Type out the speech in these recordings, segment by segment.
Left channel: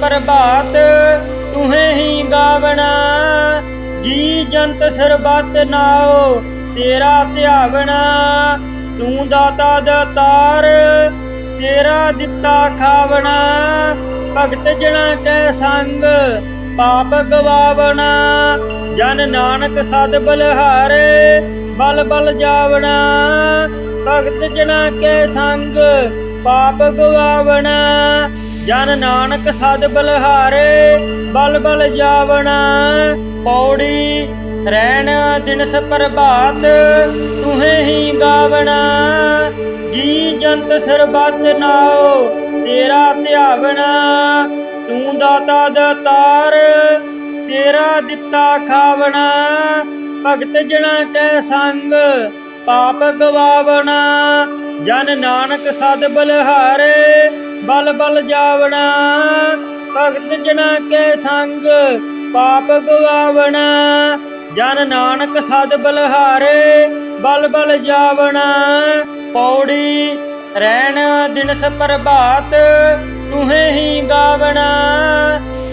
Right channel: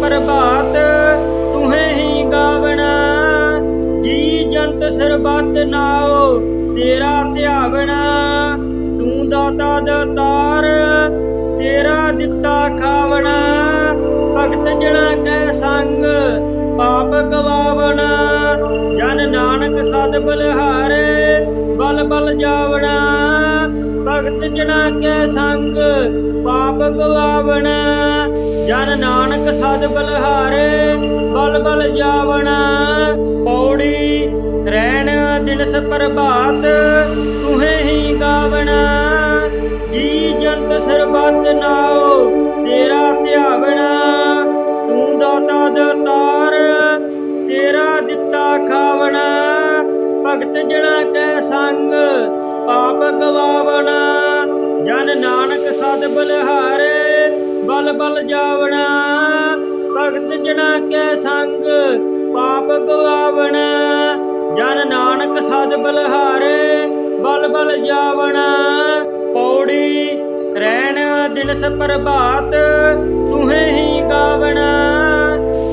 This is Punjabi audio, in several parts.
प्रभात तुहें ही गावना। जी जंत सरबत नाओ तेरा ध्यावना। तू दाता दातार तेरा दिता खावना। भगत जना कै संग पाप गवावना। जन नानक सद बलहारे बल बल जावना। भगत जना कै संग पाप गवावना। जन नानक सद बलहारे बल बल जावना। पौड़ी रैन दिनस प्रभात तुहें ही गावना। जी जंत सरबत नाओ तेरा ध्यावना। तू दाता दातार तेरा दिता खावना। भगत जना कै संग पाप गवावना। जन नानक सद बलहारे बल बल जावना। भगत जना कै संग पाप गवावना। जन नानक सद बलहारे बल बल जावना। पौड़ी रैन दिनस प्रभात तुहें ही गावना।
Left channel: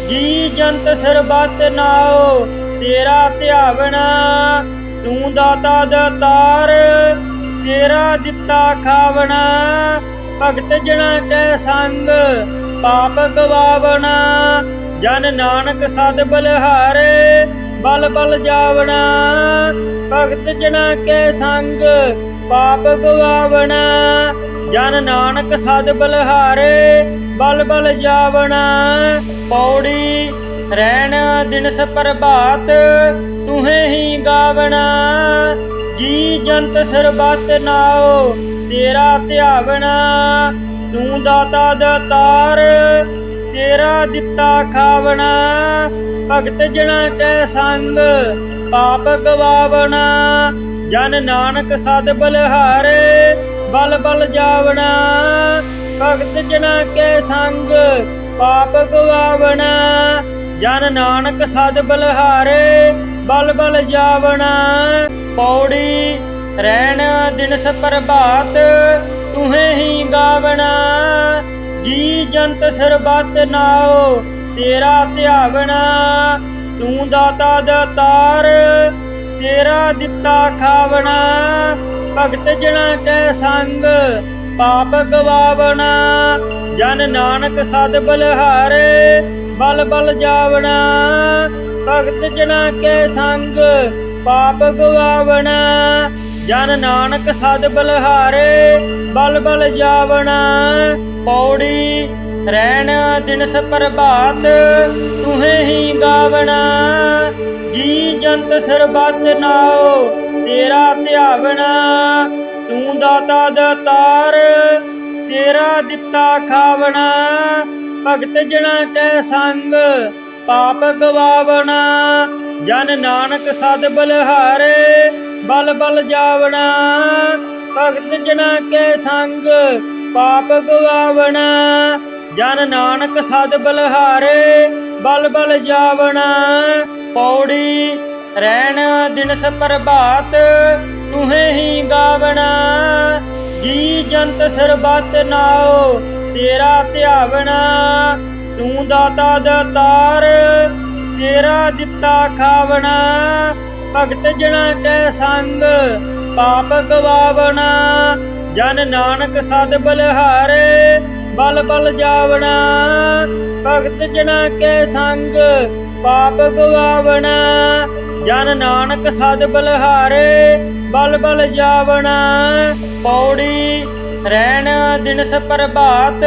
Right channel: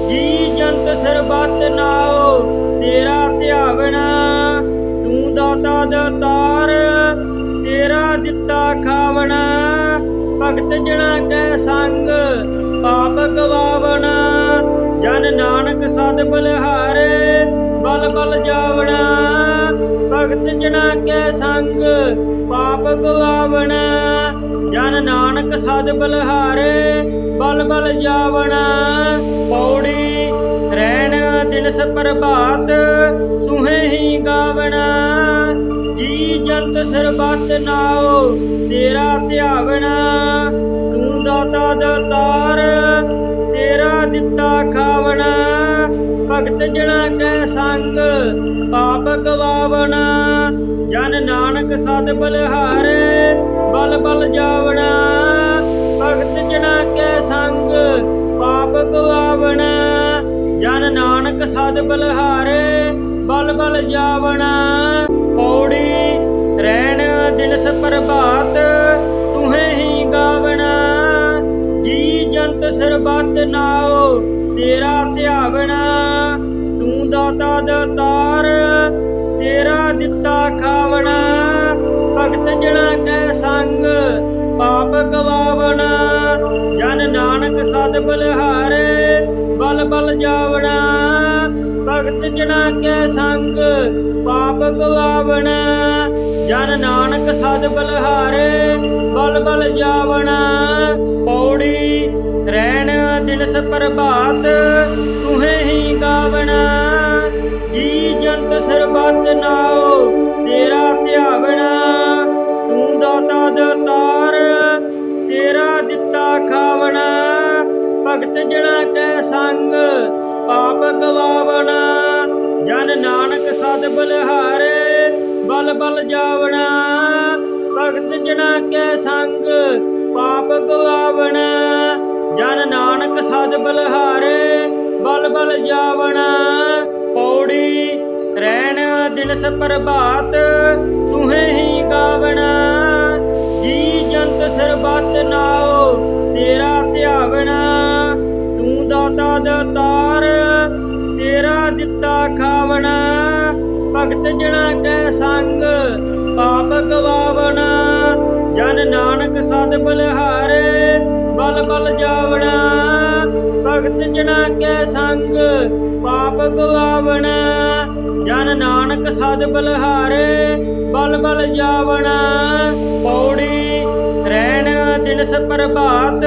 जी जंत सरबत नाओ तेरा ध्यावना। तू दाता दातार तेरा दिता खावना। भगत जना कै संग पाप गवावना। जन नानक सद बलहारे बल बल जावना। भगत जना कै संग पाप गवावना। जन नानक सद बलहारे बल बल जावना। पौड़ी रैन दिनस प्रभात तुहें ही गावना। जी जंत सरबत नाओ तेरा ध्यावना। तू दाता दातार तेरा दिता खावना। भगत जना कै संग पाप गवावना। जन नानक सद बलहारे बल बल जावना। भगत जना कै संग पाप गवावना। जन नानक सद बलहारे बल बल जावना। पौड़ी रैन दिनस प्रभात तुहें ही गावना। जी जंत सरबत नाओ तेरा ध्यावना। तू दाता दातार तेरा दिता खावना। भगत जना कै संग पाप गवावना। जन नानक सद बलहारे बल बल जावना। भगत जना कै संग पाप गवावना। जन नानक सद बलहारे बल बल जावना। पौड़ी रैन दिनस प्रभात तुहें ही गावना। जी जंत सरबत नाओ तेरा ध्यावना। तू दाता दातार तेरा दिता खावना। भगत जना कै संग पाप गवावना। जन नानक सद बलहारे बल बल जावना। भगत जना कै संग पाप गवावना। जन नानक सद बलहारे बल बल जावना। पौड़ी रैन दिनस प्रभात तुहें ही गावना। जी जंत सरबत नाओ तेरा ध्यावना। तू दाता दातार तेरा दिता खावना। भगत जना कै संग पाप गवावना। जन नानक सद बलहारे बल बल जावना। भगत जना कै संग पाप गवावना। जन नानक सद बलहारे बल बल जावना। पौड़ी रैन दिनस प्रभात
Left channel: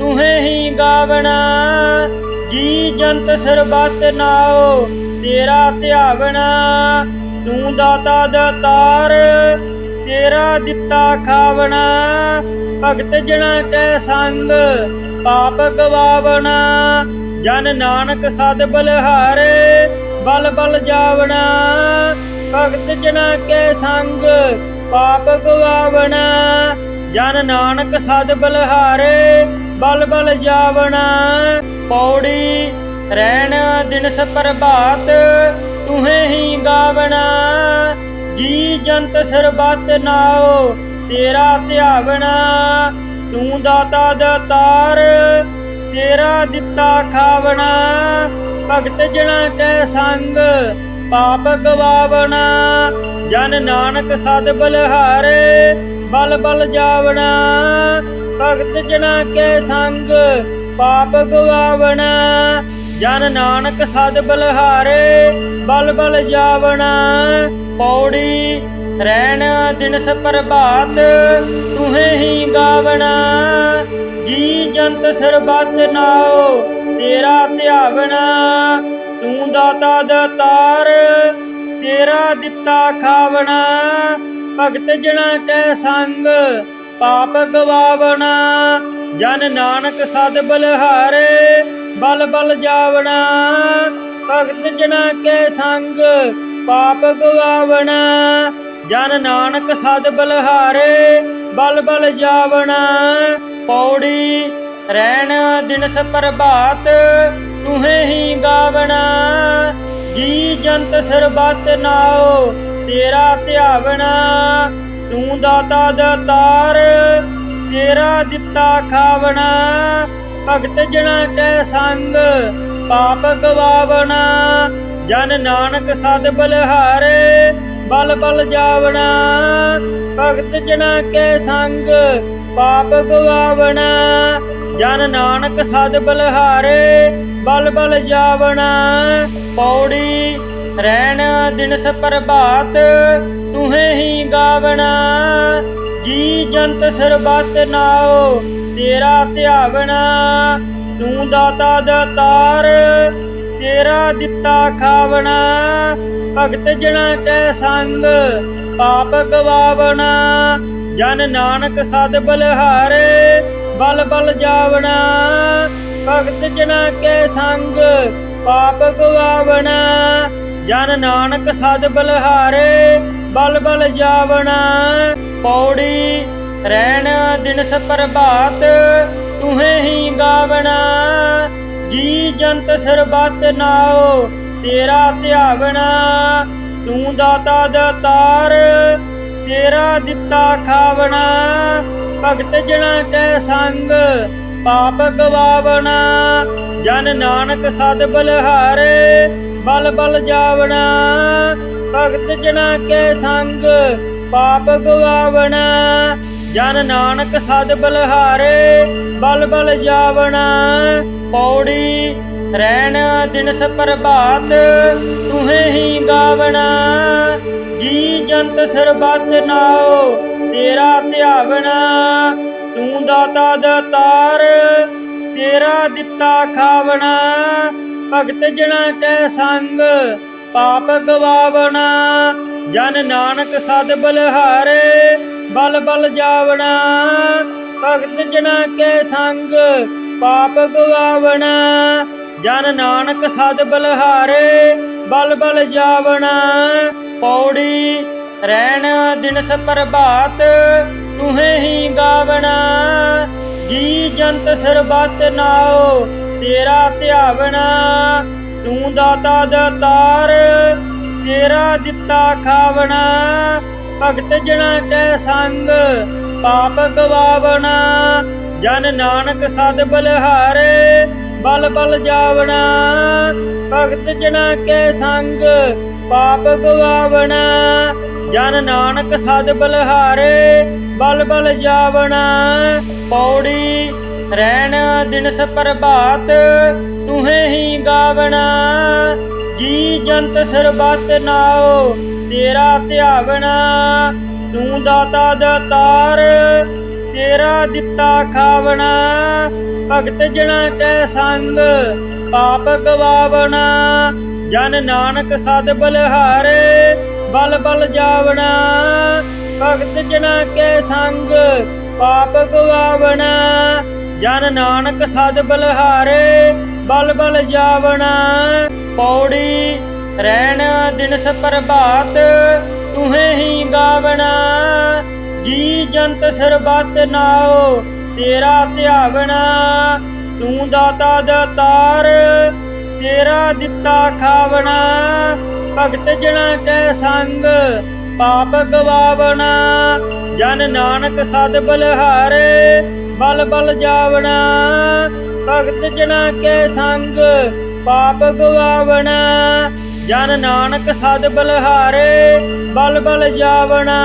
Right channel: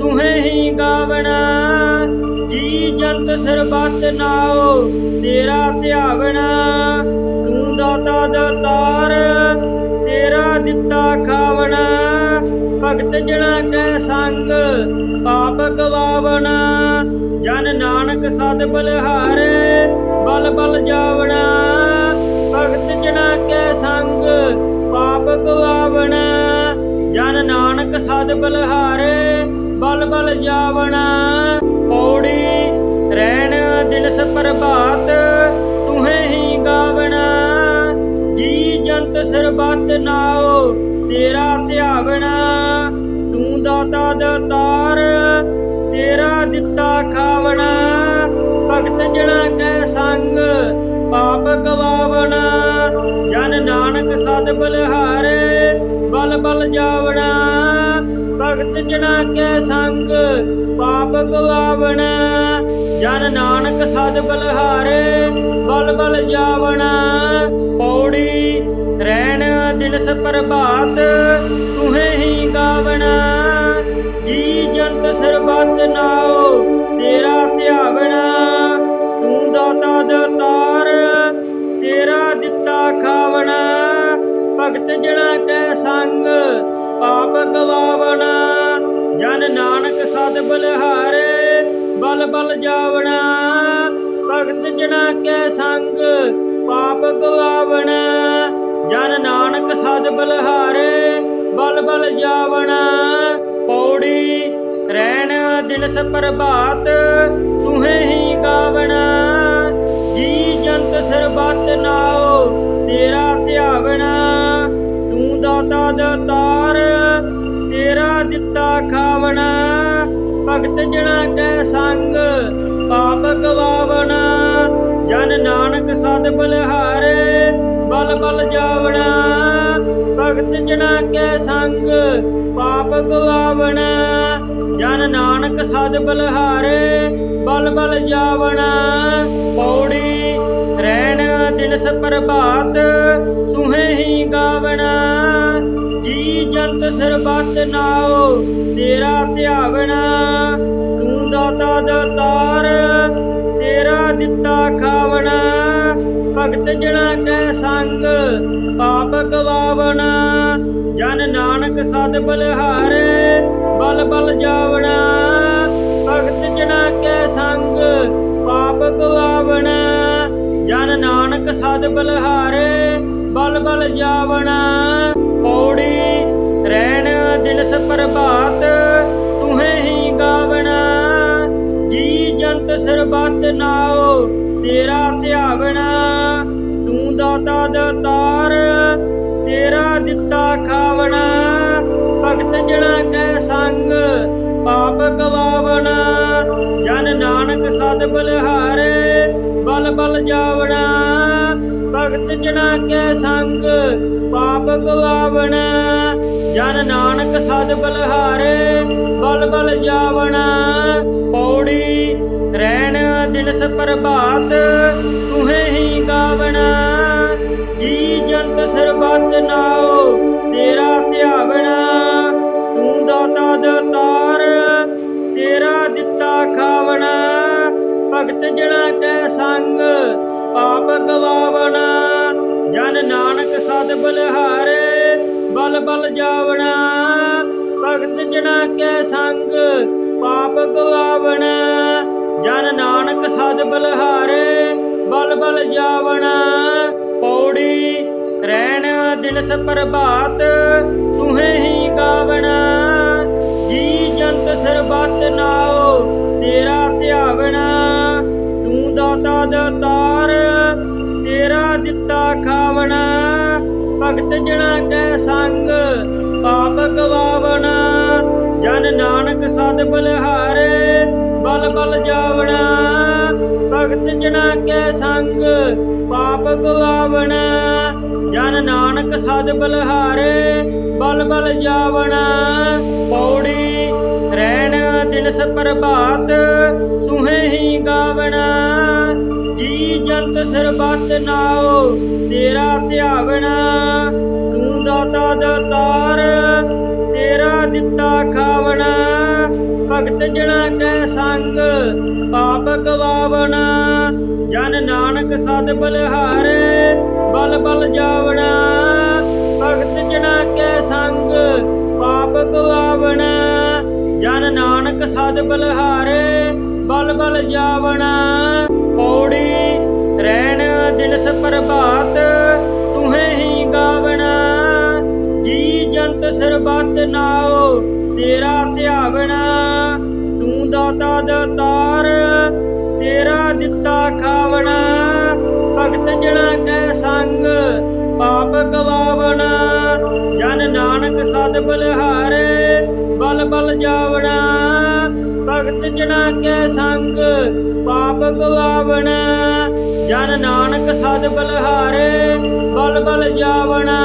तुहें ही गावना। जी जंत सरबत नाओ तेरा ध्यावना। तू दाता दातार तेरा दिता खावना। भगत जना कै संग पाप गवावना। जन नानक सद बलहारे बल बल जावना। भगत जना कै संग पाप गवावना। जन नानक सद बलहारे बल बल जावना। पौड़ी रैन दिनस प्रभात तुहें ही गावना। जी जंत सरबत नाओ तेरा ध्यावना। तू दाता दातार ਤੇਰਾ ਦਿੱਤਾ ਖਾਵਣਾ, ਭਗਤ ਜਣਾ ਕੈ ਸੰਗ ਪਾਪ ਗਵਾਵਣਾ। ਜਨ ਨਾਨਕ ਸਦ ਬਲਿਹਾਰੇ ਬਲ ਬਲ ਜਾਵਣਾ, ਭਗਤ ਜਣਾ ਕੈ ਸੰਗ ਪਾਪ ਗਵਾਵਣਾ। ਜਨ ਨਾਨਕ ਸਦ ਬਲਿਹਾਰੇ ਬਲ ਬਲ ਜਾਵਣਾ। ਪੌੜੀ ਰਹਿਣ ਦਿਨਸ ਪ੍ਰਭਾਤ ਤੁਹੇ ਹੀ ਗਾਵਣਾ, ਜੀ ਜੰਤ ਸਰਬੱਤ ਨਾਉ ਤੇਰਾ ਧਿਆਵਣਾ। ਤੂੰ ਦਾਤਾ ਦਾਤਾਰ ਤੇਰਾ ਦਿੱਤਾ ਖਾਵਣਾ, ਭਗਤ ਜਣਾ ਕੈ ਸੰਗ ਪਾਪ ਗਵਾਵਣਾ। ਜਨ ਨਾਨਕ ਸਦ ਬਲਿਹਾਰੇ ਬਲ ਬਲ ਜਾਵਣਾ, ਭਗਤ ਜਣਾ ਕੈ ਸੰਗ ਪਾਪ ਗਵਾਵਣਾ। ਜਨ ਨਾਨਕ ਸਦ ਬਲਿਹਾਰੇ ਬਲ ਬਲ ਜਾਵਣਾ। ਪੌੜੀ ਰਹਿਣ ਦਿਨਸ ਪ੍ਰਭਾਤ ਤੁਹੇ ਹੀ ਗਾਵਣਾ, ਜੀ ਜੰਤ ਸਰਬੱਤ ਨਾਉ ਤੇਰਾ ਧਿਆਵਣਾ। ਤੂੰ ਦਾਤਾ ਦਾਤਾਰ ਤੇਰਾ ਦਿੱਤਾ ਖਾਵਣਾ, ਭਗਤ ਜਣਾ ਕੈ ਸੰਗ ਪਾਪ ਗਵਾਵਣਾ। ਜਨ ਨਾਨਕ ਸਦ ਬਲਿਹਾਰੇ ਬਲ ਬਲ ਜਾਵਣਾ, ਭਗਤ ਜਣਾ ਕੈ ਸੰਗ ਪਾਪ ਗਵਾਵਣਾ। ਜਨ ਨਾਨਕ ਸਦ ਬਲਿਹਾਰੇ ਬਲ ਬਲ ਜਾਵਣਾ। ਪੌੜੀ ਰਹਿਣ ਦਿਨਸ ਪ੍ਰਭਾਤ ਤੁਹੇ ਹੀ ਗਾਵਣਾ, ਜੀ ਜੰਤ ਸਰਬੱਤ ਨਾਉ ਤੇਰਾ ਧਿਆਵਣਾ। ਤੂੰ ਦਾਤਾ ਦਾਤਾਰ ਤੇਰਾ ਦਿੱਤਾ ਖਾਵਣਾ, ਭਗਤ ਜਣਾ ਕੈ ਸੰਗ ਪਾਪ ਗਵਾਵਣਾ। ਜਨ ਨਾਨਕ ਸਦ ਬਲਿਹਾਰੇ ਬਲ ਬਲ ਜਾਵਣਾ, ਭਗਤ ਜਣਾ ਕੈ ਸੰਗ ਪਾਪ ਗਵਾਵਣਾ। ਜਨ ਨਾਨਕ ਸਦ ਬਲਿਹਾਰੇ ਬਲ ਬਲ ਜਾਵਣਾ। ਪੌੜੀ ਰਹਿਣ ਦਿਨਸ ਪ੍ਰਭਾਤ ਤੁਹੇ ਹੀ ਗਾਵਣਾ, ਜੀ ਜੰਤ ਸਰਬੱਤ ਨਾਉ ਤੇਰਾ ਧਿਆਵਣਾ। ਤੂੰ ਦਾਤਾ ਦਾਤਾਰ ਤੇਰਾ ਦਿੱਤਾ ਖਾਵਣਾ, ਭਗਤ ਜਣਾ ਕੈ ਸੰਗ ਪਾਪ ਗਵਾਵਣਾ। ਜਨ ਨਾਨਕ ਸਦ ਬਲਿਹਾਰੇ ਬਲ ਬਲ ਜਾਵਣਾ, ਭਗਤ ਜਣਾ ਕੈ ਸੰਗ ਪਾਪ ਗਵਾਵਣਾ। ਜਨ ਨਾਨਕ ਸਦ ਬਲਿਹਾਰੇ ਬਲ ਬਲ ਜਾਵਣਾ। ਪੌੜੀ ਰਹਿਣ ਦਿਨਸ ਪ੍ਰਭਾਤ ਤੁਹੇ ਹੀ ਗਾਵਣਾ, ਜੀ ਜੰਤ ਸਰਬੱਤ ਨਾਉ ਤੇਰਾ ਧਿਆਵਣਾ। ਤੂੰ ਦਾਤਾ ਦਾਤਾਰ ਤੇਰਾ ਦਿੱਤਾ ਖਾਵਣਾ, ਭਗਤ ਜਣਾ ਕੈ ਸੰਗ ਪਾਪ ਗਵਾਵਣਾ। ਜਨ ਨਾਨਕ ਸਦ ਬਲਿਹਾਰੇ ਬਲ ਬਲ ਜਾਵਣਾ, ਭਗਤ ਜਣਾ ਕੈ ਸੰਗ ਪਾਪ ਗਵਾਵਣਾ। ਜਨ ਨਾਨਕ ਸਦ ਬਲਿਹਾਰੇ ਬਲ ਬਲ ਜਾਵਣਾ। ਪੌੜੀ ਰਹਿਣ ਦਿਨਸ ਪ੍ਰਭਾਤ ਤੁਹੇ ਹੀ ਗਾਵਣਾ, ਜੀ ਜੰਤ ਸਰਬੱਤ ਨਾਉ ਤੇਰਾ ਧਿਆਵਣਾ। ਤੂੰ ਦਾਤਾ ਦਾਤਾਰ ਤੇਰਾ ਦਿੱਤਾ ਖਾਵਣਾ, ਭਗਤ ਜਣਾ ਕੈ ਸੰਗ ਪਾਪ ਗਵਾਵਣਾ। ਜਨ ਨਾਨਕ ਸਦ ਬਲਿਹਾਰੇ ਬਲ ਬਲ ਜਾਵਣਾ, ਭਗਤ ਜਣਾ ਕੈ ਸੰਗ ਪਾਪ ਗਵਾਵਣਾ। ਜਨ ਨਾਨਕ ਸਦ ਬਲਿਹਾਰੇ ਬਲ ਬਲ ਜਾਵਣਾ। ਪੌੜੀ ਰਹਿਣ ਦਿਨਸ ਪ੍ਰਭਾਤ ਤੁਹੇ ਹੀ ਗਾਵਣਾ, ਜੀ ਜੰਤ ਸਰਬੱਤ ਨਾਉ ਤੇਰਾ ਧਿਆਵਣਾ। ਤੂੰ ਦਾਤਾ ਦਾਤਾਰ ਤੇਰਾ ਦਿੱਤਾ ਖਾਵਣਾ, ਭਗਤ ਜਣਾ ਕੈ ਸੰਗ ਪਾਪ ਗਵਾਵਣਾ। ਜਨ ਨਾਨਕ ਸਦ ਬਲਿਹਾਰੇ ਬਲ ਬਲ ਜਾਵਣਾ, ਭਗਤ ਜਣਾ ਕੈ ਸੰਗ ਪਾਪ ਗਵਾਵਣਾ। ਜਨ ਨਾਨਕ ਸਦ ਬਲਿਹਾਰੇ ਬਲ ਬਲ ਜਾਵਣਾ। ਪੌੜੀ ਰਹਿਣ ਦਿਨਸ ਪ੍ਰਭਾਤ ਤੁਹੇ ਹੀ ਗਾਵਣਾ, ਜੀ ਜੰਤ ਸਰਬੱਤ ਨਾਉ ਤੇਰਾ ਧਿਆਵਣਾ। ਤੂੰ ਦਾਤਾ ਦਾਤਾਰ ਤੇਰਾ ਦਿੱਤਾ ਖਾਵਣਾ, ਭਗਤ ਜਣਾ ਕੈ ਸੰਗ ਪਾਪ ਗਵਾਵਣਾ। ਜਨ ਨਾਨਕ ਸਦ ਬਲਿਹਾਰੇ ਬਲ ਬਲ ਜਾਵਣਾ, ਭਗਤ ਜਨਾ ਕੈ ਸੰਗ ਪਾਪ ਗਵਾਵਣਾ। ਜਨ ਨਾਨਕ ਸਦ ਬਲਹਾਰੇ ਬਲ ਬਲ ਜਾਵਣਾ।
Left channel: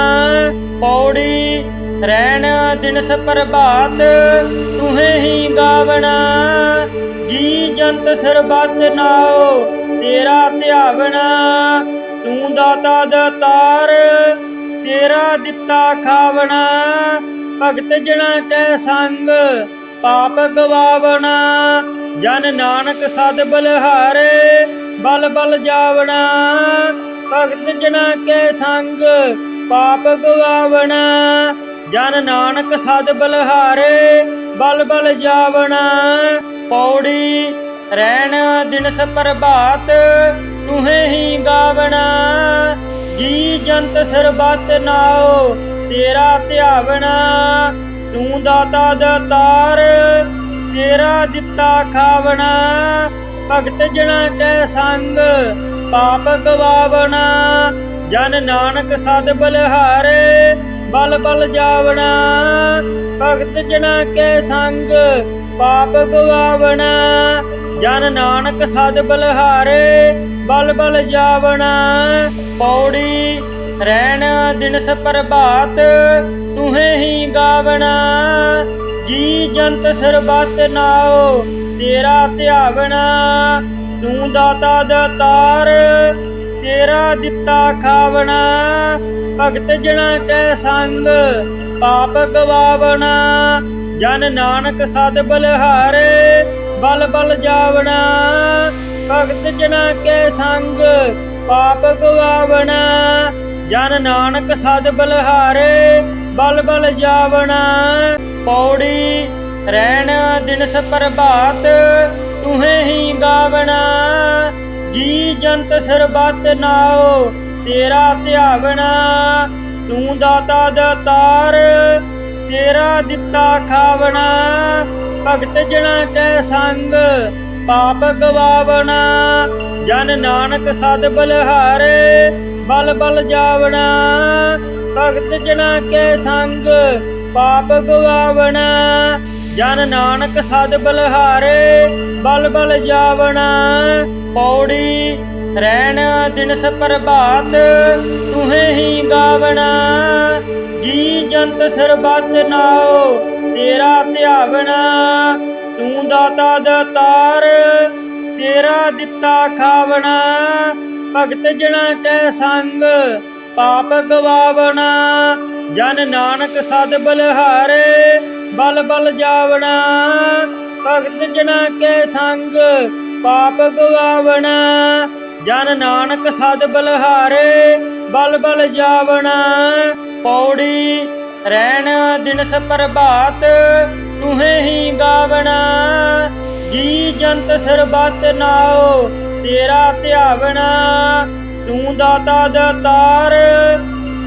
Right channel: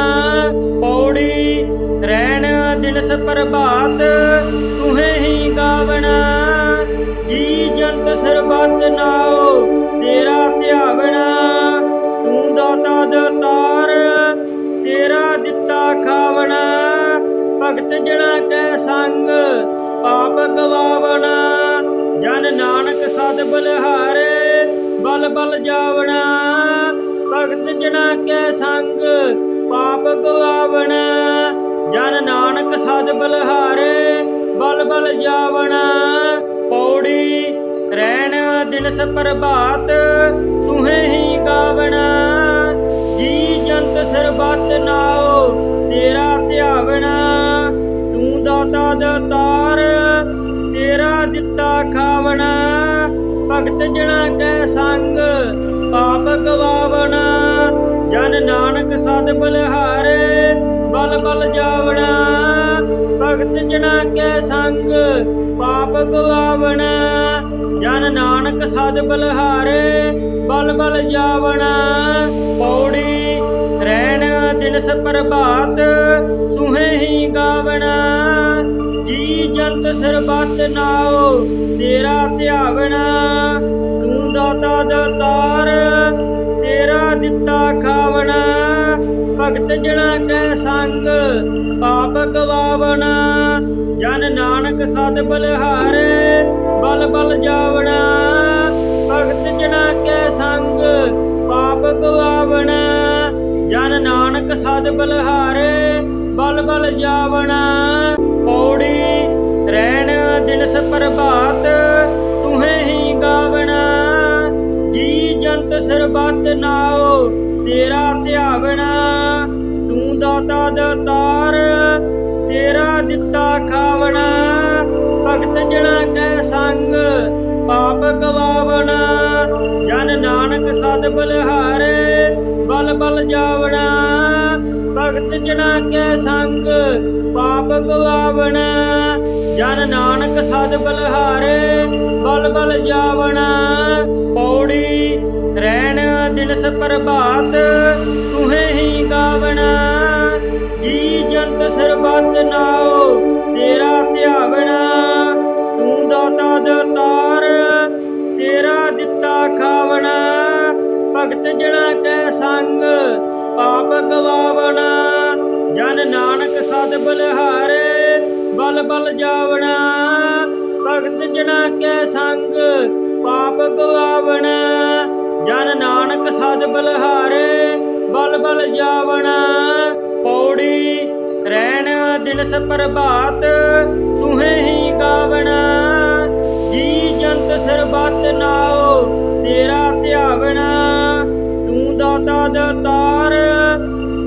ਪੌੜੀ ਰਹਿਣ ਦਿਨਸ ਪ੍ਰਭਾਤ ਤੁਹੇ ਹੀ ਗਾਵਣਾ। ਜੀ ਜੰਤ ਸਰਬੱਤ ਨਾਉ ਤੇਰਾ ਧਿਆਵਣਾ। ਤੂੰ ਦਾਤਾ ਦਾਤਾਰ ਤੇਰਾ ਦਿੱਤਾ ਖਾਵਣਾ। ਭਗਤ ਜਨਾ ਕੈ ਸੰਗ ਪਾਪ ਗਵਾਵਣਾ। ਜਨ ਨਾਨਕ ਸਦ ਬਲਹਾਰੇ ਬਲ ਬਲ ਜਾਵਣਾ। ਭਗਤ ਜਨਾ ਕੈ ਸੰਗ ਪਾਪ ਗਵਾਵਣਾ। ਜਨ ਨਾਨਕ ਸਦ ਬਲਹਾਰੇ ਬਲ ਬਲ ਜਾਵਣਾ। ਪੌੜੀ ਰਹਿਣ ਦਿਨਸ ਪ੍ਰਭਾਤ ਤੁਹੇ ਹੀ ਗਾਵਣਾ। ਜੀ ਜੰਤ ਸਰਬੱਤ ਨਾਉ ਤੇਰਾ ਧਿਆਵਣਾ। ਤੂੰ ਦਾਤਾ ਦਾਤਾਰ ਤੇਰਾ ਦਿੱਤਾ ਖਾਵਣਾ। ਭਗਤ ਜਨਾ ਕੈ ਸੰਗ ਪਾਪ ਗਵਾਵਣਾ। ਜਨ ਨਾਨਕ ਸਦ ਬਲਹਾਰੇ ਬਲ ਬਲ ਜਾਵਣਾ। ਭਗਤ ਜਨਾ ਕੈ ਸੰਗ ਪਾਪ ਗਵਾਵਣਾ। ਜਨ ਨਾਨਕ ਸਦ ਬਲਹਾਰੇ ਬਲ ਬਲ ਜਾਵਣਾ। ਪੌੜੀ ਰਹਿਣ ਦਿਨਸ ਪ੍ਰਭਾਤ ਤੁਹੇ ਹੀ ਗਾਵਣਾ। ਜੀ ਜੰਤ ਸਰਬੱਤ ਨਾਉ ਤੇਰਾ ਧਿਆਵਣਾ। ਤੂੰ ਦਾਤਾ ਦਾਤਾਰ ਤੇਰਾ ਦਿੱਤਾ ਖਾਵਣਾ। ਭਗਤ ਜਨਾ ਕੈ ਸੰਗ ਪਾਪ ਗਵਾਵਣਾ। ਜਨ ਨਾਨਕ ਸਦ ਬਲਹਾਰੇ ਬਲ ਬਲ ਜਾਵਣਾ। ਭਗਤ ਜਨਾ ਕੈ ਸੰਗ ਪਾਪ ਗਵਾਵਣਾ। ਜਨ ਨਾਨਕ ਸਦ ਬਲਹਾਰੇ ਬਲ ਬਲ ਜਾਵਣਾ। ਪੌੜੀ ਰਹਿਣ ਦਿਨਸ ਪ੍ਰਭਾਤ ਤੁਹੇ ਹੀ ਗਾਵਣਾ। ਜੀ ਜੰਤ ਸਰਬੱਤ ਨਾਉ ਤੇਰਾ ਧਿਆਵਣਾ। ਤੂੰ ਦਾਤਾ ਦਾਤਾਰ ਤੇਰਾ ਦਿੱਤਾ ਖਾਵਣਾ। ਭਗਤ ਜਨਾ ਕੈ ਸੰਗ ਪਾਪ ਗਵਾਵਣਾ। ਜਨ ਨਾਨਕ ਸਦ ਬਲਹਾਰੇ ਬਲ ਬਲ ਜਾਵਣਾ। ਭਗਤ ਜਨਾ ਕੈ ਸੰਗ ਪਾਪ ਗਵਾਵਣਾ। ਜਨ ਨਾਨਕ ਸਦ ਬਲਹਾਰੇ ਬਲ ਬਲ ਜਾਵਣਾ। ਪੌੜੀ ਰਹਿਣ ਦਿਨਸ ਪ੍ਰਭਾਤ ਤੁਹੇ ਹੀ ਗਾਵਣਾ। ਜੀ ਜੰਤ ਸਰਬੱਤ ਨਾਉ ਤੇਰਾ ਧਿਆਵਣਾ। ਤੂੰ ਦਾਤਾ ਦਾਤਾਰ ਤੇਰਾ ਦਿੱਤਾ ਖਾਵਣਾ। ਭਗਤ ਜਨਾ ਕੈ ਸੰਗ ਪਾਪ ਗਵਾਵਣਾ। ਜਨ ਨਾਨਕ ਸਦ ਬਲਹਾਰੇ ਬਲ ਬਲ ਜਾਵਣਾ। ਭਗਤ ਜਨਾ ਕੈ ਸੰਗ ਪਾਪ ਗਵਾਵਣਾ। ਜਨ ਨਾਨਕ ਸਦ ਬਲਹਾਰੇ ਬਲ ਬਲ ਜਾਵਣਾ। ਪੌੜੀ ਰਹਿਣ ਦਿਨਸ ਪ੍ਰਭਾਤ ਤੁਹੇ ਹੀ ਗਾਵਣਾ। ਜੀ ਜੰਤ ਸਰਬੱਤ ਨਾਉ ਤੇਰਾ ਧਿਆਵਣਾ। ਤੂੰ ਦਾਤਾ ਦਾਤਾਰ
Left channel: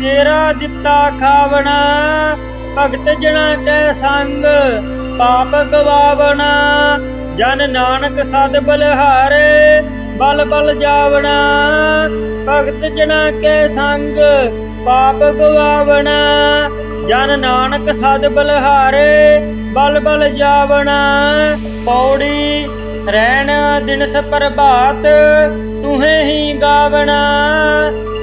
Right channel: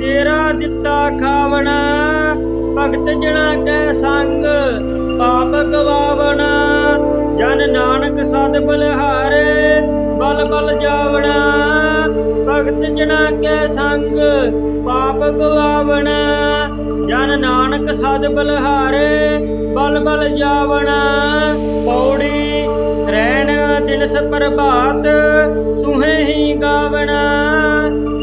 ਤੇਰਾ ਦਿੱਤਾ ਖਾਵਣਾ। ਭਗਤ ਜਨਾ ਕੈ ਸੰਗ ਪਾਪ ਗਵਾਵਣਾ। ਜਨ ਨਾਨਕ ਸਦ ਬਲਹਾਰੇ ਬਲ ਬਲ ਜਾਵਣਾ। ਭਗਤ ਜਨਾ ਕੈ ਸੰਗ ਪਾਪ ਗਵਾਵਣਾ। ਜਨ ਨਾਨਕ ਸਦ ਬਲਹਾਰੇ ਬਲ ਬਲ ਜਾਵਣਾ। ਪੌੜੀ ਰਹਿਣ ਦਿਨਸ ਪ੍ਰਭਾਤ ਤੁਹੇ ਹੀ ਗਾਵਣਾ।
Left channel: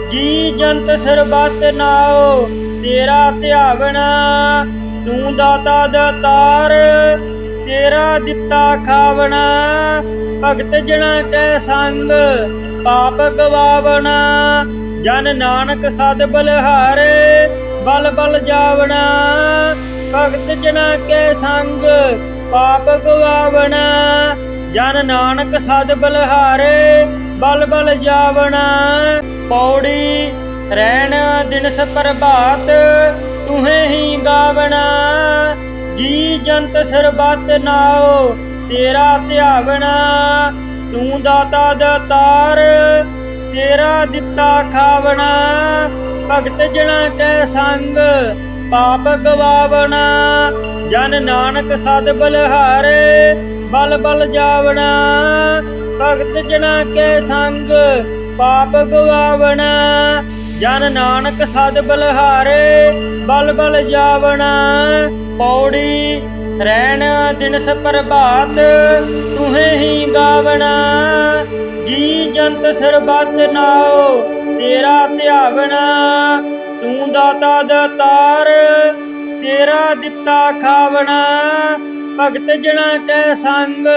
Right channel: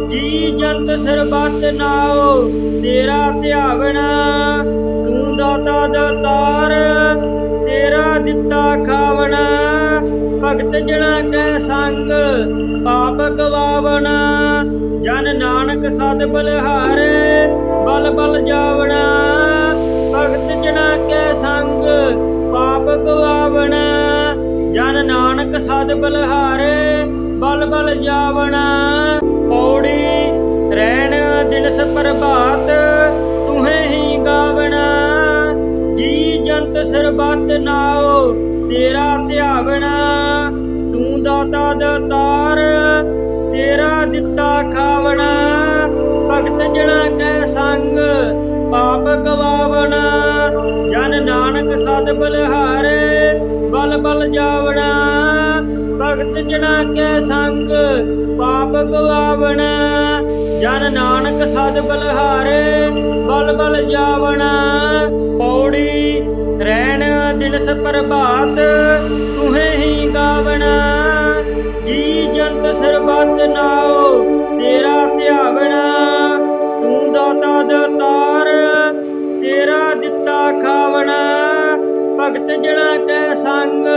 ਜੀ ਜੰਤ ਸਰਬੱਤ ਨਾਉ ਤੇਰਾ ਧਿਆਵਣਾ। ਤੂੰ ਦਾਤਾ ਦਾਤਾਰ ਤੇਰਾ ਦਿੱਤਾ ਖਾਵਣਾ। ਭਗਤ ਜਨਾ ਕੈ ਸੰਗ ਪਾਪ ਗਵਾਵਣਾ। ਜਨ ਨਾਨਕ ਸਦ ਬਲਹਾਰੇ ਬਲ ਬਲ ਜਾਵਣਾ। ਭਗਤ ਜਨਾ ਕੈ ਸੰਗ ਪਾਪ ਗਵਾਵਣਾ। ਜਨ ਨਾਨਕ ਸਦ ਬਲਹਾਰੇ ਬਲ ਬਲ ਜਾਵਣਾ। ਪੌੜੀ ਰਹਿਣ ਦਿਨਸ ਪ੍ਰਭਾਤ ਤੁਹੇ ਹੀ ਗਾਵਣਾ। ਜੀ ਜੰਤ ਸਰਬੱਤ ਨਾਉ ਤੇਰਾ ਧਿਆਵਣਾ। ਤੂੰ ਦਾਤਾ ਦਾਤਾਰ ਤੇਰਾ ਦਿੱਤਾ ਖਾਵਣਾ। ਭਗਤ ਜਨਾ ਕੈ ਸੰਗ ਪਾਪ ਗਵਾਵਣਾ। ਜਨ ਨਾਨਕ ਸਦ ਬਲਹਾਰੇ ਬਲ ਬਲ ਜਾਵਣਾ। ਭਗਤ ਜਨਾ ਕੈ ਸੰਗ ਪਾਪ ਗਵਾਵਣਾ। ਜਨ ਨਾਨਕ ਸਦ ਬਲਹਾਰੇ ਬਲ ਬਲ ਜਾਵਣਾ। ਪੌੜੀ ਰੈਣ ਦਿਨਸ ਪ੍ਰਭਾਤ ਤੁਹੇ ਹੀ ਗਾਵਣਾ। ਜੀ ਜੰਤ ਸਰਬੱਤ ਨਾਉ ਤੇਰਾ ਧਿਆਵਣਾ। ਤੂੰ ਦਾਤਾ ਦਾਤਾਰ ਤੇਰਾ ਦਿੱਤਾ ਖਾਵਣਾ। ਭਗਤ ਜਣਾ ਕੈ ਸੰਗ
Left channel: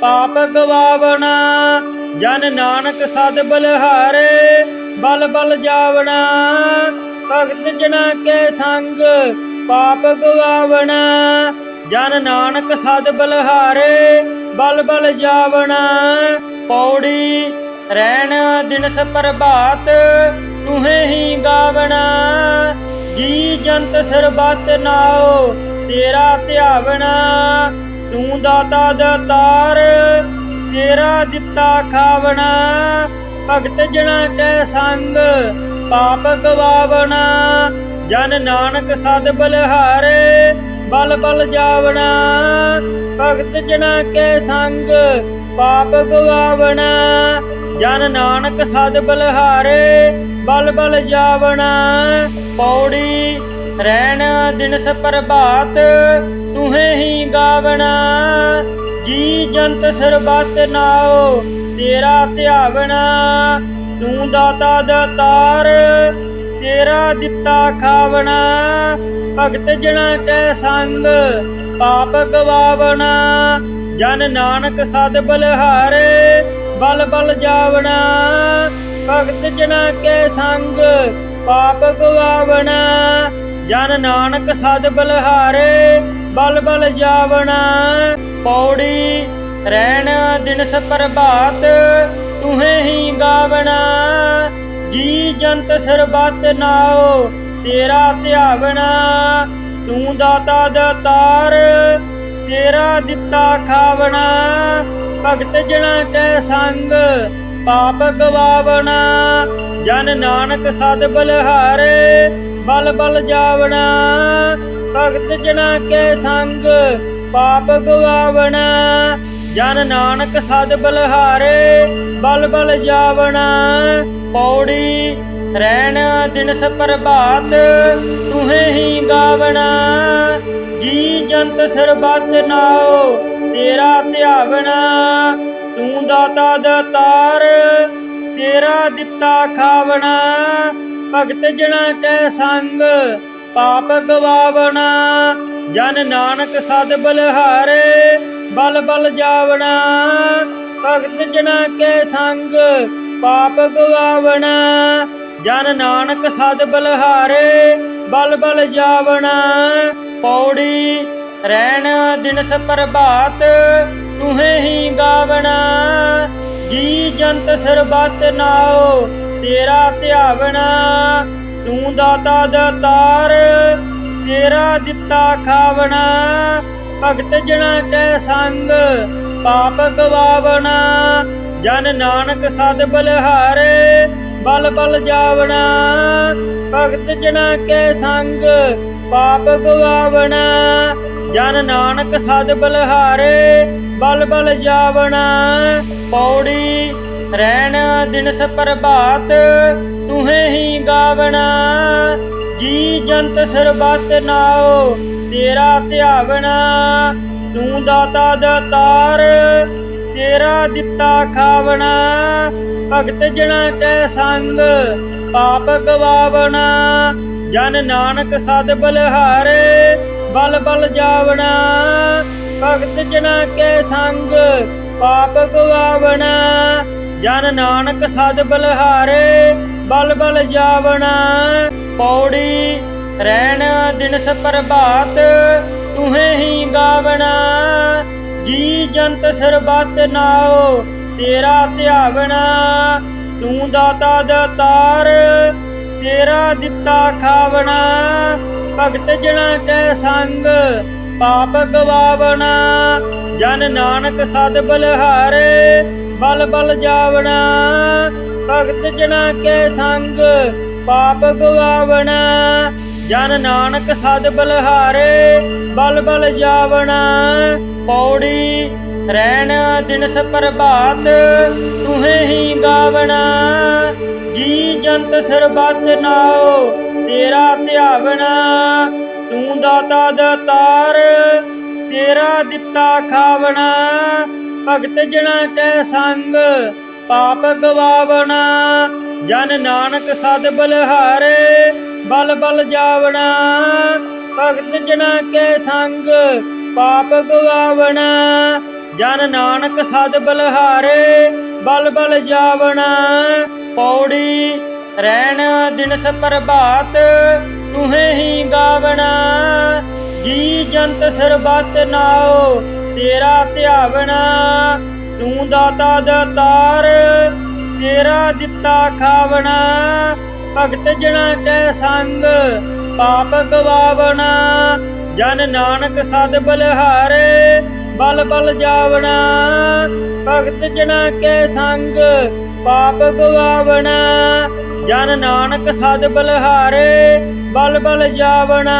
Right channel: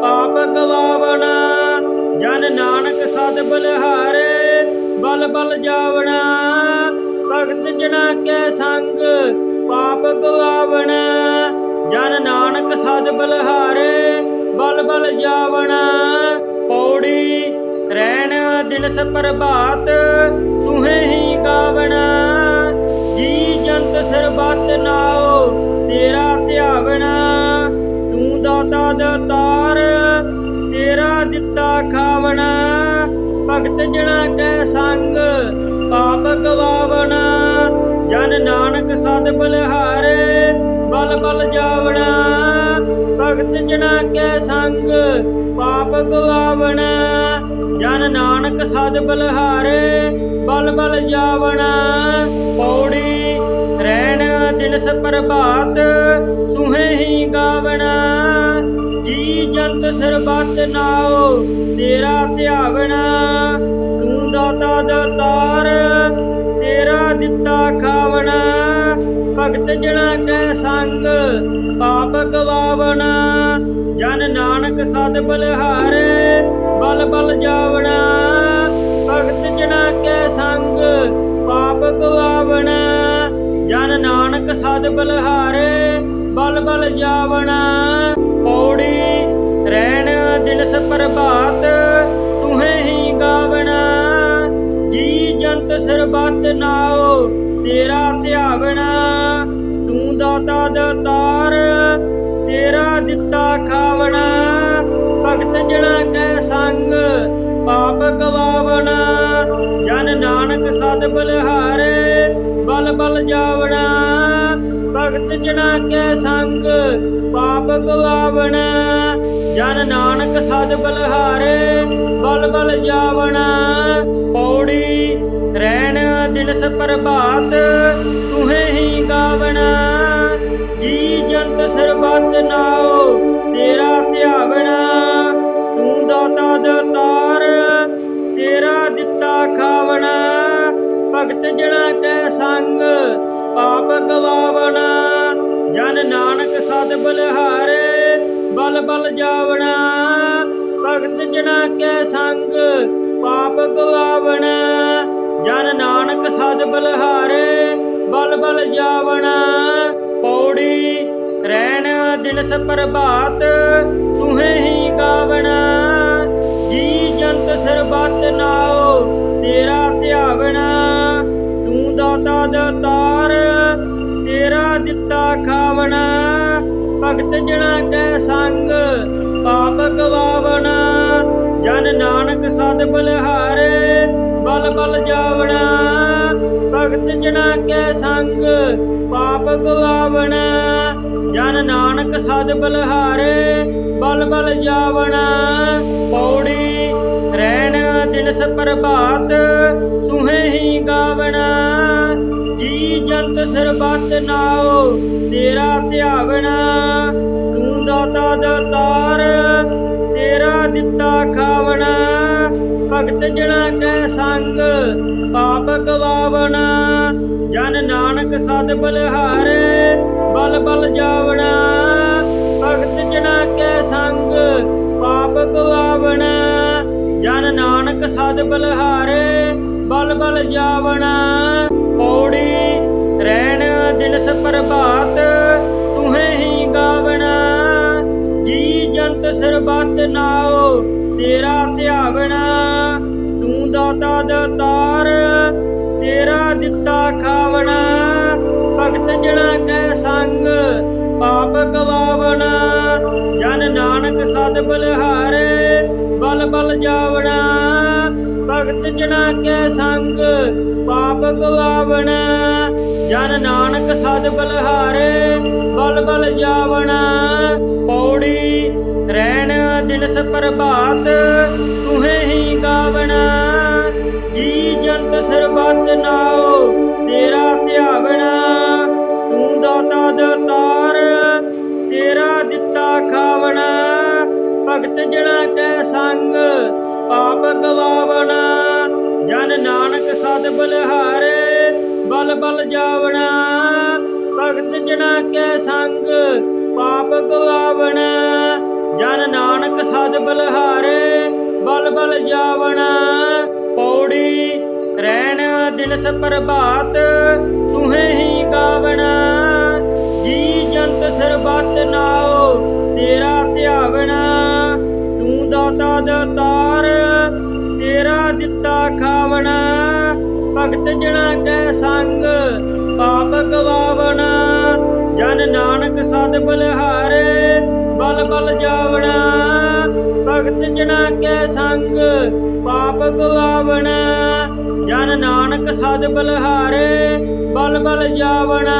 ਪਾਪ ਗਵਾਵਣਾ। ਜਨ ਨਾਨਕ ਸਦ ਬਲਿਹਾਰੇ ਬਲ ਬਲ ਜਾਵਣਾ। ਭਗਤ ਜਣਾ ਕੈ ਸੰਗ ਪਾਪ ਗਵਾਵਣਾ। ਜਨ ਨਾਨਕ ਸਦ ਬਲਿਹਾਰੇ ਬਲ ਬਲ ਜਾਵਣਾ। ਪੌੜੀ ਰੈਣ ਦਿਨਸ ਪ੍ਰਭਾਤ ਤੁਹੇ ਹੀ ਗਾਵਣਾ। ਜੀ ਜੰਤ ਸਰਬੱਤ ਨਾਉ ਤੇਰਾ ਧਿਆਵਣਾ। ਤੂੰ ਦਾਤਾ ਦਾਤਾਰ ਤੇਰਾ ਦਿੱਤਾ ਖਾਵਣਾ। ਭਗਤ ਜਣਾ ਕੈ ਸੰਗ ਪਾਪ ਗਵਾਵਣਾ। ਜਨ ਨਾਨਕ ਸਦ ਬਲਿਹਾਰੇ ਬਲ ਬਲ ਜਾਵਣਾ। ਭਗਤ ਜਣਾ ਕੈ ਸੰਗ ਪਾਪ ਗਵਾਵਣਾ। ਜਨ ਨਾਨਕ ਸਦ ਬਲਿਹਾਰੇ ਬਲ ਬਲ ਜਾਵਣਾ। ਪੌੜੀ ਰੈਣ ਦਿਨਸ ਪ੍ਰਭਾਤ ਤੁਹੇ ਹੀ ਗਾਵਣਾ। ਜੀ ਜੰਤ ਸਰਬੱਤ ਨਾਉ ਤੇਰਾ ਧਿਆਵਣਾ। ਤੂੰ ਦਾਤਾ ਦਾਤਾਰ ਤੇਰਾ ਦਿੱਤਾ ਖਾਵਣਾ। ਭਗਤ ਜਣਾ ਕੈ ਸੰਗ ਪਾਪ ਗਵਾਵਣਾ। ਜਨ ਨਾਨਕ ਸਦ ਬਲਿਹਾਰੇ ਬਲ ਬਲ ਜਾਵਣਾ। ਭਗਤ ਜਣਾ ਕੈ ਸੰਗ ਪਾਪ ਗਵਾਵਣਾ। ਜਨ ਨਾਨਕ ਸਦ ਬਲਿਹਾਰੇ ਬਲ ਬਲ ਜਾਵਣਾ। ਪੌੜੀ ਰੈਣ ਦਿਨਸ ਪ੍ਰਭਾਤ ਤੁਹੇ ਹੀ ਗਾਵਣਾ। ਜੀ ਜੰਤ ਸਰਬੱਤ ਨਾਉ ਤੇਰਾ ਧਿਆਵਣਾ। ਤੂੰ ਦਾਤਾ ਦਾਤਾਰ ਤੇਰਾ ਦਿੱਤਾ ਖਾਵਣਾ। ਭਗਤ ਜਣਾ ਕੈ ਸੰਗ ਪਾਪ ਗਵਾਵਣਾ। ਜਨ ਨਾਨਕ ਸਦ ਬਲਿਹਾਰੇ ਬਲ ਬਲ ਜਾਵਣਾ। ਭਗਤ ਜਣਾ ਕੈ ਸੰਗ ਪਾਪ ਗਵਾਵਣਾ। ਜਨ ਨਾਨਕ ਸਦ ਬਲਿਹਾਰੇ ਬਲ ਬਲ ਜਾਵਣਾ। ਪੌੜੀ ਰੈਣ ਦਿਨਸ ਪ੍ਰਭਾਤ ਤੁਹੇ ਹੀ ਗਾਵਣਾ। ਜੀ ਜੰਤ ਸਰਬੱਤ ਨਾਉ ਤੇਰਾ ਧਿਆਵਣਾ। ਤੂੰ ਦਾਤਾ ਦਾਤਾਰ ਤੇਰਾ ਦਿੱਤਾ ਖਾਵਣਾ। ਭਗਤ ਜਣਾ ਕੈ ਸੰਗ ਪਾਪ ਗਵਾਵਣਾ। ਜਨ ਨਾਨਕ ਸਦ ਬਲਿਹਾਰੇ ਬਲ ਬਲ ਜਾਵਣਾ। ਭਗਤ ਜਣਾ ਕੈ ਸੰਗ ਪਾਪ ਗਵਾਵਣਾ। ਜਨ ਨਾਨਕ ਸਦ ਬਲਿਹਾਰੇ ਬਲ ਬਲ ਜਾਵਣਾ। ਪੌੜੀ ਰੈਣ ਦਿਨਸ ਪ੍ਰਭਾਤ ਤੁਹੇ ਹੀ ਗਾਵਣਾ। ਜੀ ਜੰਤ ਸਰਬੱਤ ਨਾਉ ਤੇਰਾ ਧਿਆਵਣਾ। ਤੂੰ ਦਾਤਾ ਦਾਤਾਰ ਤੇਰਾ ਦਿੱਤਾ ਖਾਵਣਾ। ਭਗਤ ਜਣਾ ਕੈ ਸੰਗ ਪਾਪ ਗਵਾਵਣਾ। ਜਨ ਨਾਨਕ ਸਦ ਬਲਿਹਾਰੇ ਬਲ ਬਲ ਜਾਵਣਾ। ਭਗਤ ਜਣਾ ਕੈ ਸੰਗ ਪਾਪ ਗਵਾਵਣਾ। ਜਨ ਨਾਨਕ ਸਦ ਬਲਿਹਾਰੇ ਬਲ ਬਲ ਜਾਵਣਾ। ਪੌੜੀ ਰੈਣ ਦਿਨਸ ਪ੍ਰਭਾਤ ਤੁਹੇ ਹੀ ਗਾਵਣਾ। ਜੀ ਜੰਤ ਸਰਬੱਤ ਨਾਉ ਤੇਰਾ ਧਿਆਵਣਾ। ਤੂੰ ਦਾਤਾ ਦਾਤਾਰ ਤੇਰਾ ਦਿੱਤਾ ਖਾਵਣਾ। ਭਗਤ ਜਣਾ ਕੈ ਸੰਗ ਪਾਪ ਗਵਾਵਣਾ। ਜਨ ਨਾਨਕ ਸਦ ਬਲਿਹਾਰੇ ਬਲ ਬਲ ਜਾਵਣਾ। ਭਗਤ ਜਣਾ ਕੈ ਸੰਗ ਪਾਪ ਗਵਾਵਣਾ। ਜਨ ਨਾਨਕ ਸਦ ਬਲਿਹਾਰੇ ਬਲ ਬਲ ਜਾਵਣਾ। ਪੌੜੀ ਰੈਣ ਦਿਨਸ ਪ੍ਰਭਾਤ ਤੁਹੇ ਹੀ ਗਾਵਣਾ। ਜੀ ਜੰਤ ਸਰਬੱਤ ਨਾਉ ਤੇਰਾ ਧਿਆਵਣਾ। ਤੂੰ ਦਾਤਾ ਦਾਤਾਰ ਤੇਰਾ ਦਿੱਤਾ ਖਾਵਣਾ। ਭਗਤ ਜਣਾ ਕੈ ਸੰਗ ਪਾਪ ਗਵਾਵਣਾ। ਜਨ ਨਾਨਕ ਸਦ ਬਲਿਹਾਰੇ ਬਲ ਬਲ ਜਾਵਣਾ। ਭਗਤ ਜਣਾ ਕੈ ਸੰਗ ਪਾਪ ਗਵਾਵਣਾ। ਜਨ ਨਾਨਕ ਸਦ ਬਲਿਹਾਰੇ ਬਲ ਬਲ ਜਾਵਣਾ। ਪੌੜੀ ਰੈਣ ਦਿਨਸ ਪ੍ਰਭਾਤ ਤੁਹੇ ਹੀ ਗਾਵਣਾ। ਜੀ ਜੰਤ ਸਰਬੱਤ ਨਾਉ ਤੇਰਾ ਧਿਆਵਣਾ। ਤੂੰ ਦਾਤਾ ਦਾਤਾਰ ਤੇਰਾ ਦਿੱਤਾ ਖਾਵਣਾ। ਭਗਤ ਜਣਾ ਕੈ ਸੰਗ ਪਾਪ ਗਵਾਵਣਾ। ਜਨ ਨਾਨਕ ਸਦ ਬਲਿਹਾਰੇ ਬਲ ਬਲ ਜਾਵਣਾ। ਭਗਤ ਜਣਾ ਕੈ ਸੰਗ ਪਾਪ ਗਵਾਵਣਾ। ਜਨ ਨਾਨਕ ਸਦ ਬਲਿਹਾਰੇ ਬਲ ਬਲ ਜਾਵਣਾ। ਪੌੜੀ ਰਹਿਣ ਦਿਨਸ ਪ੍ਰਭਾਤ ਤੁਹੇ ਹੀ ਗਾਵਣਾ। ਜੀ ਜੰਤ ਸਰਬੱਤ ਨਾਉ ਤੇਰਾ ਧਿਆਵਣਾ। ਤੂੰ ਦਾਤਾ ਦਾਤਾਰ ਤੇਰਾ ਦਿੱਤਾ ਖਾਵਣਾ। ਭਗਤ ਜਣਾ ਕੈ ਸੰਗ ਪਾਪ ਗਵਾਵਣਾ। ਜਨ ਨਾਨਕ ਸਦ ਬਲਿਹਾਰੇ ਬਲ ਬਲ ਜਾਵਣਾ। ਭਗਤ ਜਣਾ ਕੈ ਸੰਗ ਪਾਪ ਗਵਾਵਣਾ। ਜਨ ਨਾਨਕ ਸਦ ਬਲਿਹਾਰੇ ਬਲ ਬਲ ਜਾਵਣਾ।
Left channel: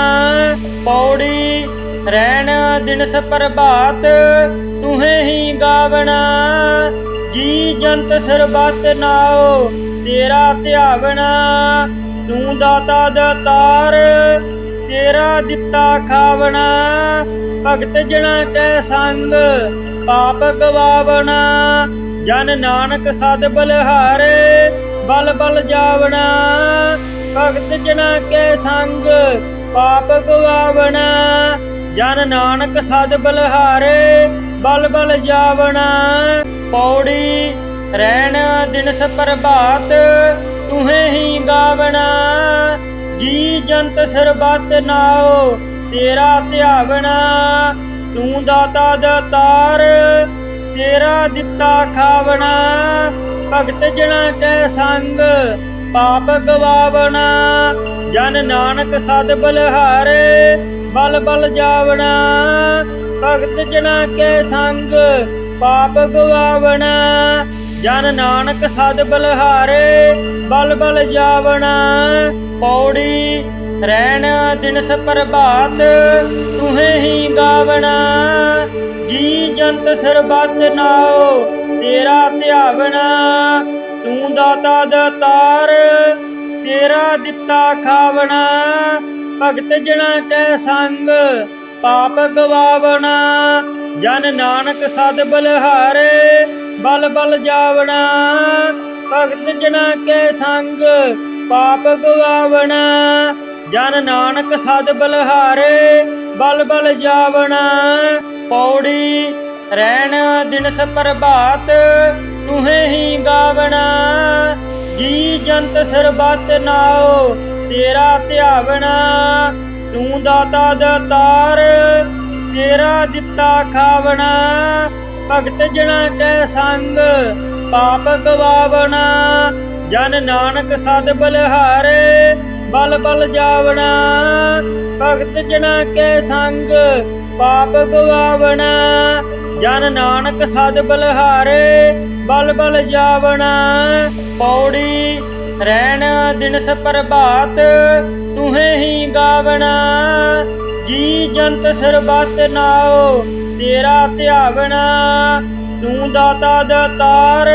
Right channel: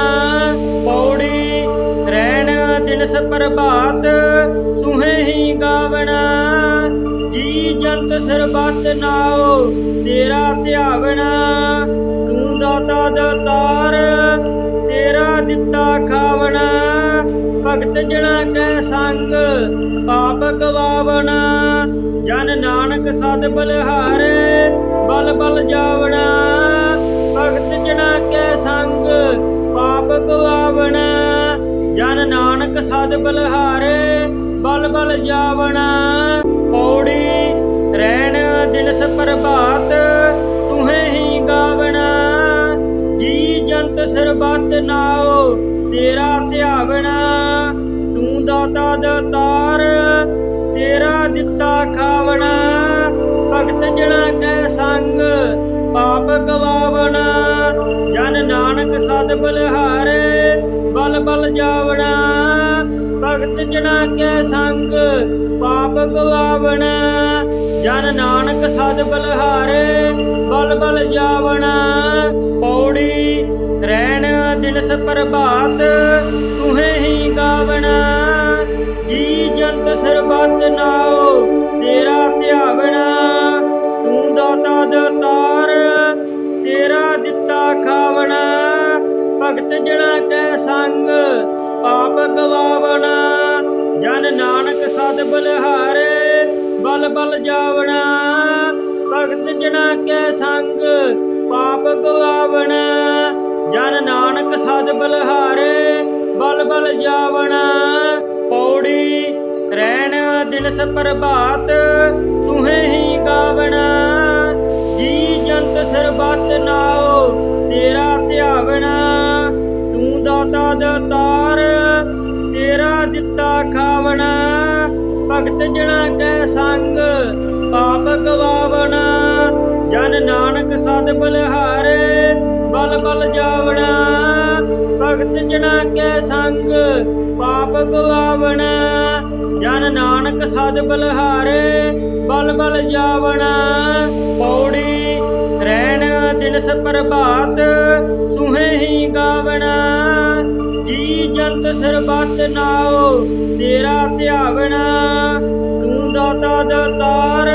ਪੌੜੀ ਰਹਿਣ ਦਿਨਸ ਪ੍ਰਭਾਤ ਤੁਹੇ ਹੀ ਗਾਵਣਾ। ਜੀ ਜੰਤ ਸਰਬੱਤ ਨਾਉ ਤੇਰਾ ਧਿਆਵਣਾ। ਤੂੰ ਦਾਤਾ ਦਾਤਾਰ ਤੇਰਾ ਦਿੱਤਾ ਖਾਵਣਾ। ਭਗਤ ਜਣਾ ਕੈ ਸੰਗ ਪਾਪ ਗਵਾਵਣਾ। ਜਨ ਨਾਨਕ ਸਦ ਬਲਿਹਾਰੇ ਬਲ ਬਲ ਜਾਵਣਾ। ਭਗਤ ਜਣਾ ਕੈ ਸੰਗ ਪਾਪ ਗਵਾਵਣਾ। ਜਨ ਨਾਨਕ ਸਦ ਬਲਿਹਾਰੇ ਬਲ ਬਲ ਜਾਵਣਾ। ਪੌੜੀ ਰਹਿਣ ਦਿਨਸ ਪ੍ਰਭਾਤ ਤੁਹੇ ਹੀ ਗਾਵਣਾ। ਜੀ ਜੰਤ ਸਰਬੱਤ ਨਾਉ ਤੇਰਾ ਧਿਆਵਣਾ। ਤੂੰ ਦਾਤਾ ਦਾਤਾਰ ਤੇਰਾ ਦਿੱਤਾ ਖਾਵਣਾ। ਭਗਤ ਜਣਾ ਕੈ ਸੰਗ ਪਾਪ ਗਵਾਵਣਾ। ਜਨ ਨਾਨਕ ਸਦ ਬਲਿਹਾਰੇ ਬਲ ਬਲ ਜਾਵਣਾ। ਭਗਤ ਜਣਾ ਕੈ ਸੰਗ ਪਾਪ ਗਵਾਵਣਾ। ਜਨ ਨਾਨਕ ਸਦ ਬਲਿਹਾਰੇ ਬਲ ਬਲ ਜਾਵਣਾ। ਪੌੜੀ ਰਹਿਣ ਦਿਨਸ ਪ੍ਰਭਾਤ ਤੁਹੇ ਹੀ ਗਾਵਣਾ। ਜੀ ਜੰਤ ਸਰਬੱਤ ਨਾਉ ਤੇਰਾ ਧਿਆਵਣਾ। ਤੂੰ ਦਾਤਾ ਦਾਤਾਰ ਤੇਰਾ ਦਿੱਤਾ ਖਾਵਣਾ। ਭਗਤ ਜਣਾ ਕੈ ਸੰਗ ਪਾਪ ਗਵਾਵਣਾ। ਜਨ ਨਾਨਕ ਸਦ ਬਲਿਹਾਰੇ ਬਲ ਬਲ ਜਾਵਣਾ। ਭਗਤ ਜਣਾ ਕੈ ਸੰਗ ਪਾਪ ਗਵਾਵਣਾ। ਜਨ ਨਾਨਕ ਸਦ ਬਲਿਹਾਰੇ ਬਲ ਬਲ ਜਾਵਣਾ। ਪੌੜੀ ਰਹਿਣ ਦਿਨਸ ਪ੍ਰਭਾਤ ਤੁਹੇ ਹੀ ਗਾਵਣਾ। ਜੀ ਜੰਤ ਸਰਬੱਤ ਨਾਉ ਤੇਰਾ ਧਿਆਵਣਾ। ਤੂੰ ਦਾਤਾ ਦਾਤਾਰ ਤੇਰਾ ਦਿੱਤਾ ਖਾਵਣਾ। ਭਗਤ ਜਣਾ ਕੈ ਸੰਗ ਪਾਪ ਗਵਾਵਣਾ। ਜਨ ਨਾਨਕ ਸਦ ਬਲਿਹਾਰੇ ਬਲ ਬਲ ਜਾਵਣਾ। ਭਗਤ ਜਣਾ ਕੈ ਸੰਗ ਪਾਪ ਗਵਾਵਣਾ। ਜਨ ਨਾਨਕ ਸਦ ਬਲਿਹਾਰੇ ਬਲ ਬਲ ਜਾਵਣਾ। ਪੌੜੀ ਰਹਿਣ ਦਿਨਸ ਪ੍ਰਭਾਤ ਤੁਹੇ ਹੀ ਗਾਵਣਾ। ਜੀ ਜੰਤ ਸਰਬੱਤ ਨਾਉ ਤੇਰਾ ਧਿਆਵਣਾ। ਤੂੰ ਦਾਤਾ ਦਾਤਾਰ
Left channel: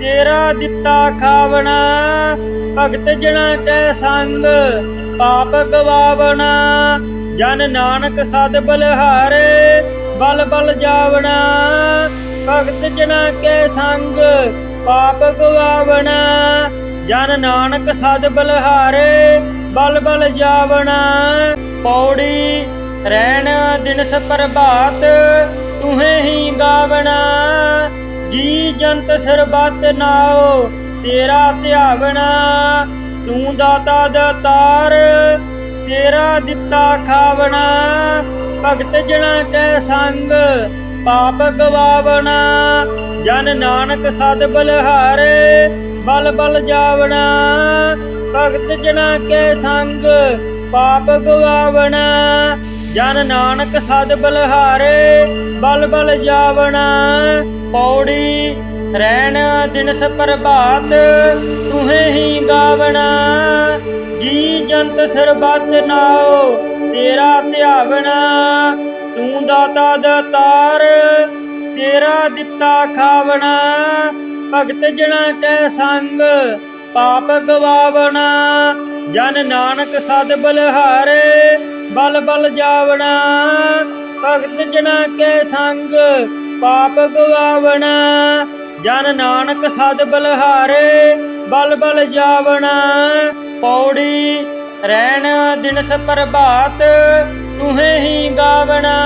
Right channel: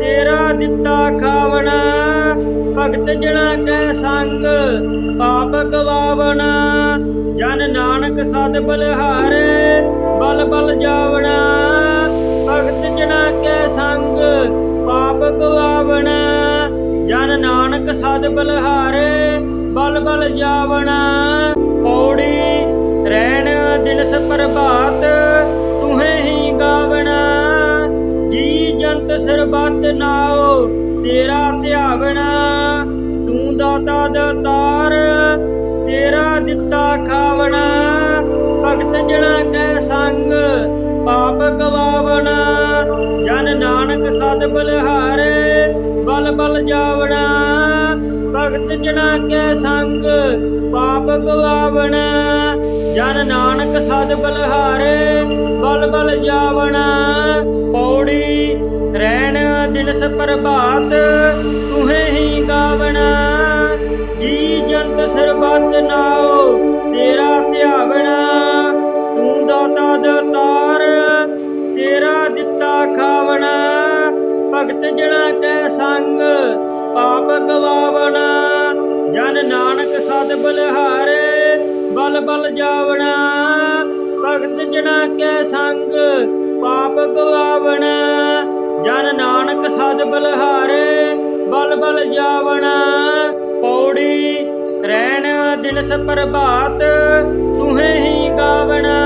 ਤੇਰਾ ਦਿੱਤਾ ਖਾਵਣਾ। ਭਗਤ ਜਣਾ ਕੈ ਸੰਗ ਪਾਪ ਗਵਾਵਣਾ। ਜਨ ਨਾਨਕ ਸਦ ਬਲਿਹਾਰੇ ਬਲ ਬਲ ਜਾਵਣਾ। ਭਗਤ ਜਣਾ ਕੈ ਸੰਗ ਪਾਪ ਗਵਾਵਣਾ। ਜਨ ਨਾਨਕ ਸਦ ਬਲਿਹਾਰੇ ਬਲ ਬਲ ਜਾਵਣਾ। ਪੌੜੀ ਰਹਿਣ ਦਿਨਸ ਪ੍ਰਭਾਤ ਤੁਹੇ ਹੀ ਗਾਵਣਾ। ਜੀ ਜੰਤ ਸਰਬੱਤ ਨਾਉ ਤੇਰਾ ਧਿਆਵਣਾ। ਤੂੰ ਦਾਤਾ ਦਾਤਾਰ ਤੇਰਾ ਦਿੱਤਾ ਖਾਵਣਾ। ਭਗਤ ਜਣਾ ਕੈ ਸੰਗ ਪਾਪ ਗਵਾਵਣਾ। ਜਨ ਨਾਨਕ ਸਦ ਬਲਿਹਾਰੇ ਬਲ ਬਲ ਜਾਵਣਾ। ਭਗਤ ਜਣਾ ਕੈ ਸੰਗ ਪਾਪ ਗਵਾਵਣਾ। ਜਨ ਨਾਨਕ ਸਦ ਬਲਿਹਾਰੇ ਬਲ ਬਲ ਜਾਵਣਾ। ਪੌੜੀ ਰਹਿਣ ਦਿਨਸ ਪ੍ਰਭਾਤ ਤੁਹੇ ਹੀ ਗਾਵਣਾ। ਜੀ ਜੰਤ ਸਰਬੱਤ ਨਾਉ ਤੇਰਾ ਧਿਆਵਣਾ। ਤੂੰ ਦਾਤਾ ਦਾਤਾਰ ਤੇਰਾ ਦਿੱਤਾ ਖਾਵਣਾ। ਭਗਤ ਜਣਾ ਕੈ ਸੰਗ ਪਾਪ ਗਵਾਵਣਾ। ਜਨ ਨਾਨਕ ਸਦ ਬਲਿਹਾਰੇ ਬਲ ਬਲ ਜਾਵਣਾ। ਭਗਤ ਜਨਾ ਕੈ ਸੰਗ ਪਾਪ ਗਵਾਵਣਾ। ਜਨ ਨਾਨਕ ਸਦ ਬਲਿਹਾਰੇ ਬਲ ਬਲ ਜਾਵਣਾ। ਪੌੜੀ ਰਹਿਣ ਦਿਨਸ ਪ੍ਰਭਾਤ ਤੁਹੇ ਹੀ ਗਾਵਣਾ।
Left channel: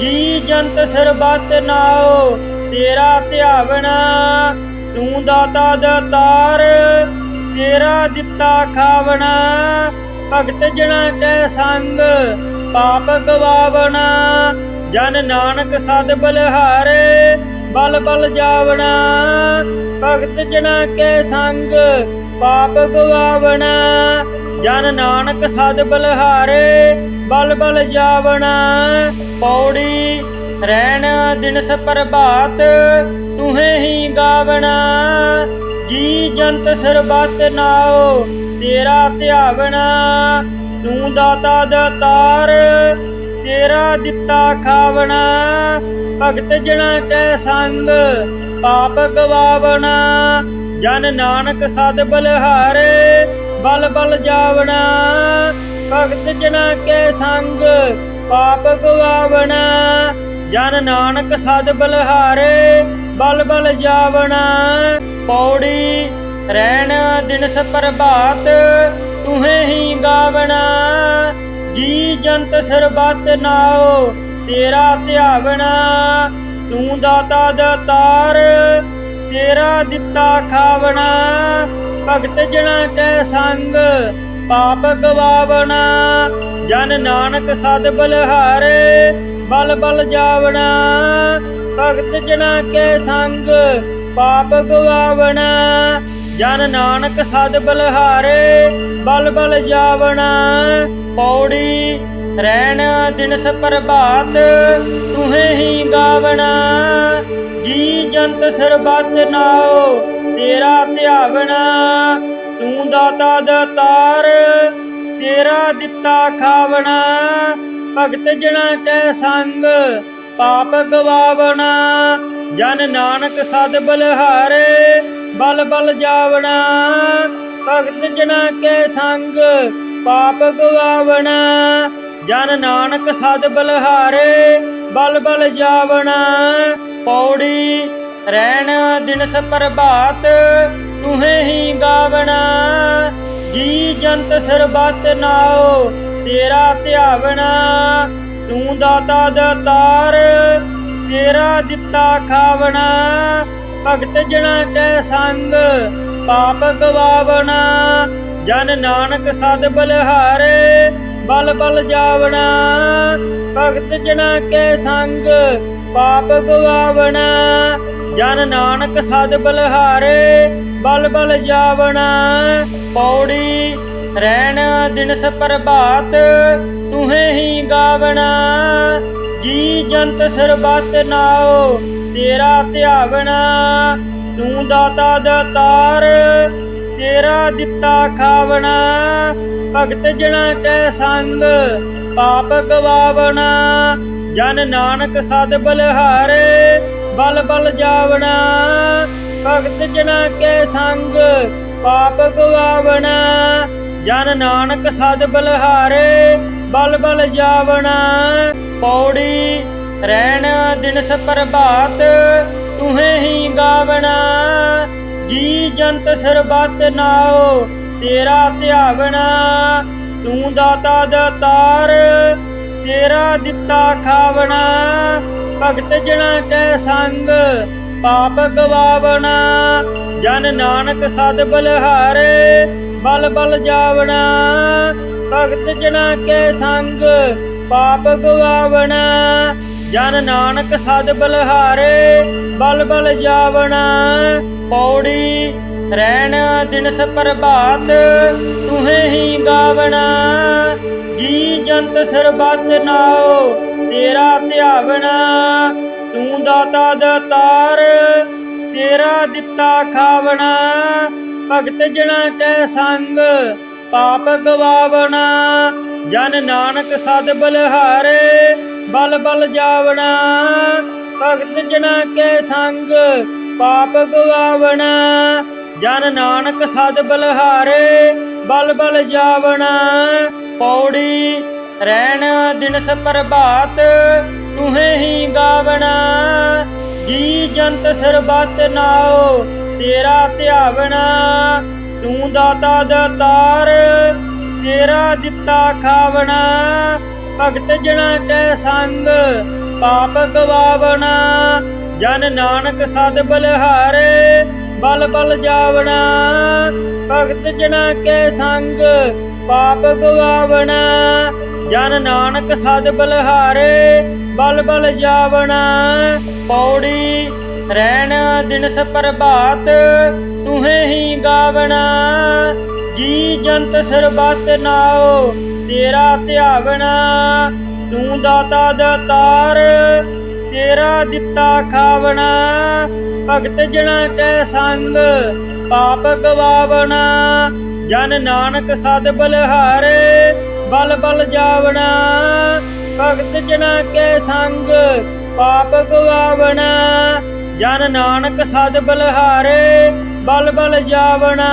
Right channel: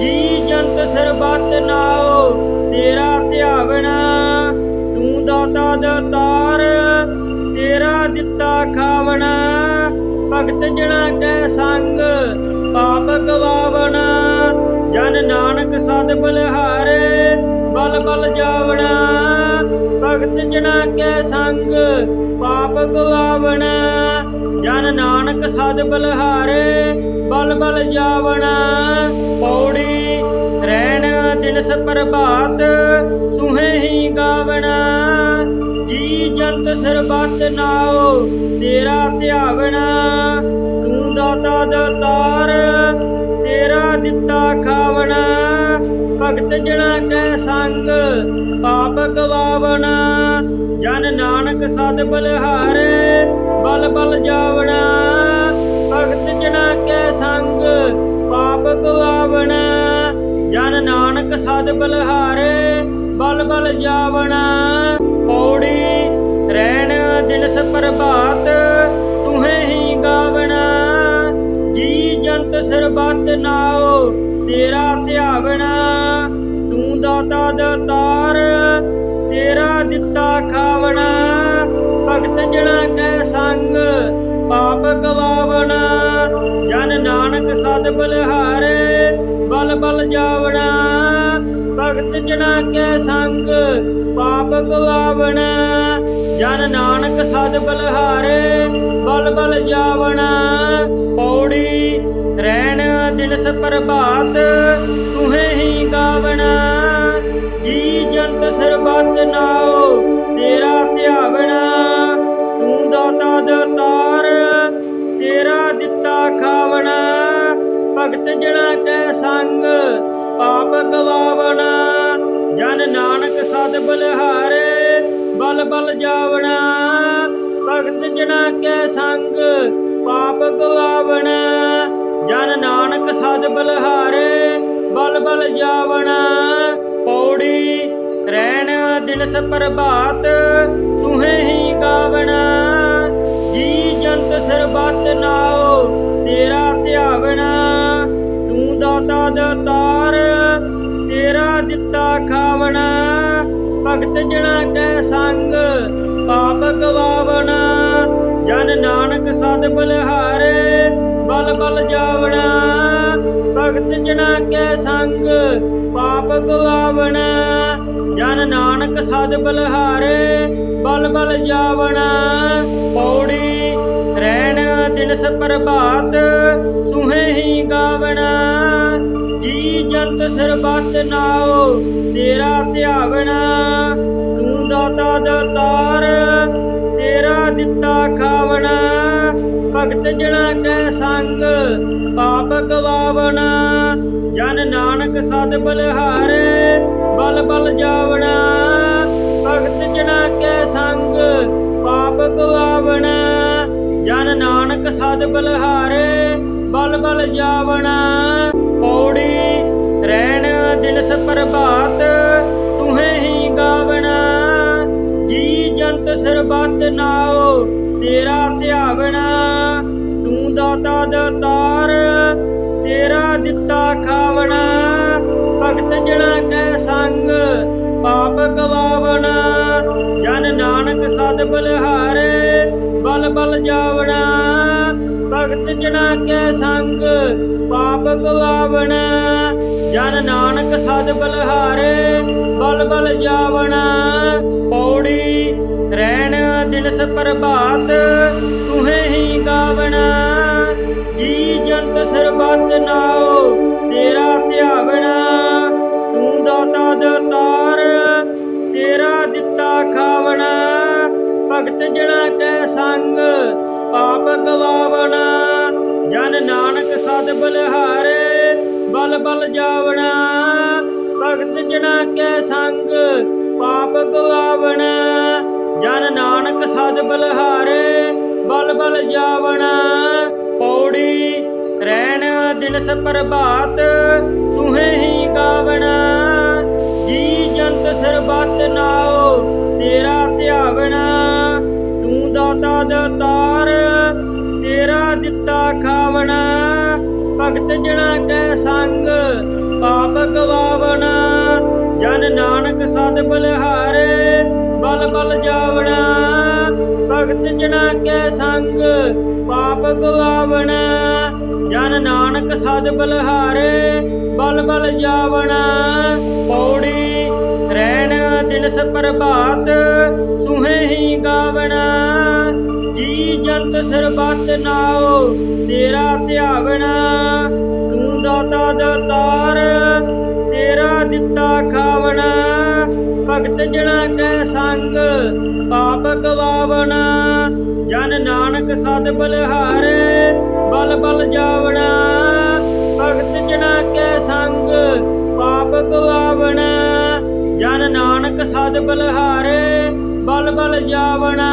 ਜੀ ਜੰਤ ਸਰਬਤ ਨਾਉ ਤੇਰਾ ਧਿਆਵਣਾ। ਤੂੰ ਦਾਤਾ ਦਾਤਾਰ ਤੇਰਾ ਦਿੱਤਾ ਖਾਵਣਾ। ਭਗਤ ਜਨਾ ਕੈ ਸੰਗ ਪਾਪ ਗਵਾਵਣਾ। ਜਨ ਨਾਨਕ ਸਦ ਬਲਿਹਾਰੇ ਬਲ ਬਲ ਜਾਵਣਾ। ਭਗਤ ਜਨਾ ਕੈ ਸੰਗ ਪਾਪ ਗਵਾਵਣਾ। ਜਨ ਨਾਨਕ ਸਦ ਬਲਿਹਾਰੇ ਬਲ ਬਲ ਜਾਵਣਾ। ਪੌੜੀ ਰਹਿਣ ਦਿਨਸ ਪ੍ਰਭਾਤ ਤੁਹੇ ਹੀ ਗਾਵਣਾ। ਜੀ ਜੰਤ ਸਰਬਤ ਨਾਉ ਤੇਰਾ ਧਿਆਵਣਾ। ਤੂੰ ਦਾਤਾ ਦਾਤਾਰ ਤੇਰਾ ਦਿੱਤਾ ਖਾਵਣਾ। ਭਗਤ ਜਨਾ ਕੈ ਸੰਗ ਪਾਪ ਗਵਾਵਣਾ। ਜਨ ਨਾਨਕ ਸਦ ਬਲਿਹਾਰੇ ਬਲ ਬਲ ਜਾਵਣਾ। ਭਗਤ ਜਨਾ ਕੈ ਸੰਗ ਪਾਪ ਗਵਾਵਣਾ। ਜਨ ਨਾਨਕ ਸਦ ਬਲਿਹਾਰੇ ਬਲ ਬਲ ਜਾਵਣਾ। ਪੌੜੀ ਰਹਿਣ ਦਿਨਸ ਪ੍ਰਭਾਤ ਤੁਹੇ ਹੀ ਗਾਵਣਾ। ਜੀ ਜੰਤ ਸਰਬਤ ਨਾਉ ਤੇਰਾ ਧਿਆਵਣਾ। ਤੂੰ ਦਾਤਾ ਦਾਤਾਰ ਤੇਰਾ ਦਿੱਤਾ ਖਾਵਣਾ। ਭਗਤ ਜਨਾ ਕੈ ਸੰਗ ਪਾਪ ਗਵਾਵਣਾ। ਜਨ ਨਾਨਕ ਸਦ ਬਲਿਹਾਰੇ ਬਲ ਬਲ ਜਾਵਣਾ। ਭਗਤ ਜਨਾ ਕੈ ਸੰਗ ਪਾਪ ਗਵਾਵਣਾ। ਜਨ ਨਾਨਕ ਸਦ ਬਲਿਹਾਰੇ ਬਲ ਬਲ ਜਾਵਣਾ। ਪੌੜੀ ਰਹਿਣ ਦਿਨਸ ਪ੍ਰਭਾਤ ਤੁਹੇ ਹੀ ਗਾਵਣਾ। ਜੀ ਜੰਤ ਸਰਬਤ ਨਾਉ ਤੇਰਾ ਧਿਆਵਣਾ। ਤੂੰ ਦਾਤਾ ਦਾਤਾਰ ਤੇਰਾ ਦਿੱਤਾ ਖਾਵਣਾ। ਭਗਤ ਜਨਾ ਕੈ ਸੰਗ ਪਾਪ ਗਵਾਵਣਾ। ਜਨ ਨਾਨਕ ਸਦ ਬਲਿਹਾਰੇ ਬਲ ਬਲ ਜਾਵਣਾ। ਭਗਤ ਜਨਾ ਕੈ ਸੰਗ ਪਾਪ ਗਵਾਵਣਾ। ਜਨ ਨਾਨਕ ਸਦ ਬਲਿਹਾਰੇ ਬਲ ਬਲ ਜਾਵਣਾ। ਪੌੜੀ ਰਹਿਣ ਦਿਨਸ ਪ੍ਰਭਾਤ ਤੁਹੇ ਹੀ ਗਾਵਣਾ। ਜੀ ਜੰਤ ਸਰਬਤ ਨਾਉ ਤੇਰਾ ਧਿਆਵਣਾ। ਤੂੰ ਦਾਤਾ ਦਾਤਾਰ ਤੇਰਾ ਦਿੱਤਾ ਖਾਵਣਾ। ਭਗਤ ਜਨਾ ਕੈ ਸੰਗ ਪਾਪ ਗਵਾਵਣਾ। ਜਨ ਨਾਨਕ ਸਦ ਬਲਿਹਾਰੇ ਬਲ ਬਲ ਜਾਵਣਾ। ਭਗਤ ਜਨਾ ਕੈ ਸੰਗ ਪਾਪ ਗਵਾਵਣਾ। ਜਨ ਨਾਨਕ ਸਦ ਬਲਿਹਾਰੇ ਬਲ ਬਲ ਜਾਵਣਾ। ਪੌੜੀ ਰਹਿਣ ਦਿਨਸ ਪ੍ਰਭਾਤ ਤੁਹੇ ਹੀ ਗਾਵਣਾ। ਜੀ ਜੰਤ ਸਰਬਤ ਨਾਉ ਤੇਰਾ ਧਿਆਵਣਾ। ਤੂੰ ਦਾਤਾ ਦਾਤਾਰ ਤੇਰਾ ਦਿੱਤਾ ਖਾਵਣਾ। ਭਗਤ ਜਨਾ ਕੈ ਸੰਗ ਪਾਪ ਗਵਾਵਣਾ। ਜਨ ਨਾਨਕ ਸਦ ਬਲਿਹਾਰੇ ਬਲ ਬਲ ਜਾਵਣਾ। ਭਗਤ ਜਨਾ ਕੈ ਸੰਗ ਪਾਪ ਗਵਾਵਣਾ। ਜਨ ਨਾਨਕ ਸਦ ਬਲਿਹਾਰੇ ਬਲ ਬਲ ਜਾਵਣਾ। ਪੌੜੀ ਰਹਿਣ ਦਿਨਸ ਪ੍ਰਭਾਤ ਤੁਹੇ ਹੀ ਗਾਵਣਾ। ਜੀ ਜੰਤ ਸਰਬਤ ਨਾਉ ਤੇਰਾ ਧਿਆਵਣਾ। ਤੂੰ ਦਾਤਾ ਦਾਤਾਰ ਤੇਰਾ ਦਿੱਤਾ ਖਾਵਣਾ। ਭਗਤ ਜਨਾ ਕੈ ਸੰਗ ਪਾਪ ਗਵਾਵਣਾ। ਜਨ ਨਾਨਕ ਸਦ ਬਲਿਹਾਰੇ ਬਲ ਬਲ ਜਾਵਣਾ। ਭਗਤ ਜਨਾ ਕੈ ਸੰਗ ਪਾਪ ਗਵਾਵਣਾ। ਜਨ ਨਾਨਕ ਸਦ ਬਲਿਹਾਰੇ ਬਲ ਬਲ ਜਾਵਣਾ। ਪੌੜੀ ਰਹਿਣ ਦਿਨਸ ਪ੍ਰਭਾਤ ਤੁਹੇ ਹੀ ਗਾਵਣਾ। ਜੀ ਜੰਤ ਸਰਬਤ ਨਾਉ ਤੇਰਾ ਧਿਆਵਣਾ। ਤੂੰ ਦਾਤਾ ਦਾਤਾਰ ਤੇਰਾ ਦਿੱਤਾ ਖਾਵਣਾ। ਭਗਤ ਜਨਾ ਕੈ ਸੰਗ ਪਾਪ ਗਵਾਵਣਾ। ਜਨ ਨਾਨਕ ਸਦ ਬਲਿਹਾਰੇ ਬਲ ਬਲ ਜਾਵਣਾ। ਭਗਤ ਜਨਾ ਕੈ ਸੰਗ ਪਾਪ ਗਵਾਵਣਾ। ਜਨ ਨਾਨਕ ਸਦ ਬਲਿਹਾਰੇ ਬਲ ਬਲ ਜਾਵਣਾ। ਪੌੜੀ ਰਹਿਣ ਦਿਨਸ ਪ੍ਰਭਾਤ ਤੁਹੇ ਹੀ ਗਾਵਣਾ। ਜੀ ਜੰਤ ਸਰਬੱਤ ਨਾਉ ਤੇਰਾ ਧਿਆਵਣਾ। ਤੂੰ ਦਾਤਾ ਦਾਤਾਰ ਤੇਰਾ ਦਿੱਤਾ ਖਾਵਣਾ। ਭਗਤ ਜਣਾ ਕੈ ਸੰਗ ਪਾਪ ਗਵਾਵਣਾ। ਜਨ ਨਾਨਕ ਸਦ ਬਲਿਹਾਰੇ ਬਲ ਬਲ ਜਾਵਣਾ। ਭਗਤ ਜਣਾ ਕੈ ਸੰਗ ਪਾਪ ਗਵਾਵਣਾ। ਜਨ ਨਾਨਕ ਸਦ ਬਲਿਹਾਰੇ ਬਲ ਬਲ ਜਾਵਣਾ। ਪੌੜੀ ਰਹਿਣ ਦਿਨਸ ਪ੍ਰਭਾਤ ਤੁਹੇ ਹੀ ਗਾਵਣਾ। ਜੀ ਜੰਤ ਸਰਬੱਤ ਨਾਉ ਤੇਰਾ ਧਿਆਵਣਾ। ਤੂੰ ਦਾਤਾ ਦਾਤਾਰ ਤੇਰਾ ਦਿੱਤਾ ਖਾਵਣਾ। ਭਗਤ ਜਣਾ ਕੈ ਸੰਗ ਪਾਪ ਗਵਾਵਣਾ। ਜਨ ਨਾਨਕ ਸਦ ਬਲਿਹਾਰੇ ਬਲ ਬਲ ਜਾਵਣਾ। ਭਗਤ ਜਣਾ ਕੈ ਸੰਗ ਪਾਪ ਗਵਾਵਣਾ। ਜਨ ਨਾਨਕ ਸਦ ਬਲਿਹਾਰੇ ਬਲ ਬਲ ਜਾਵਣਾ।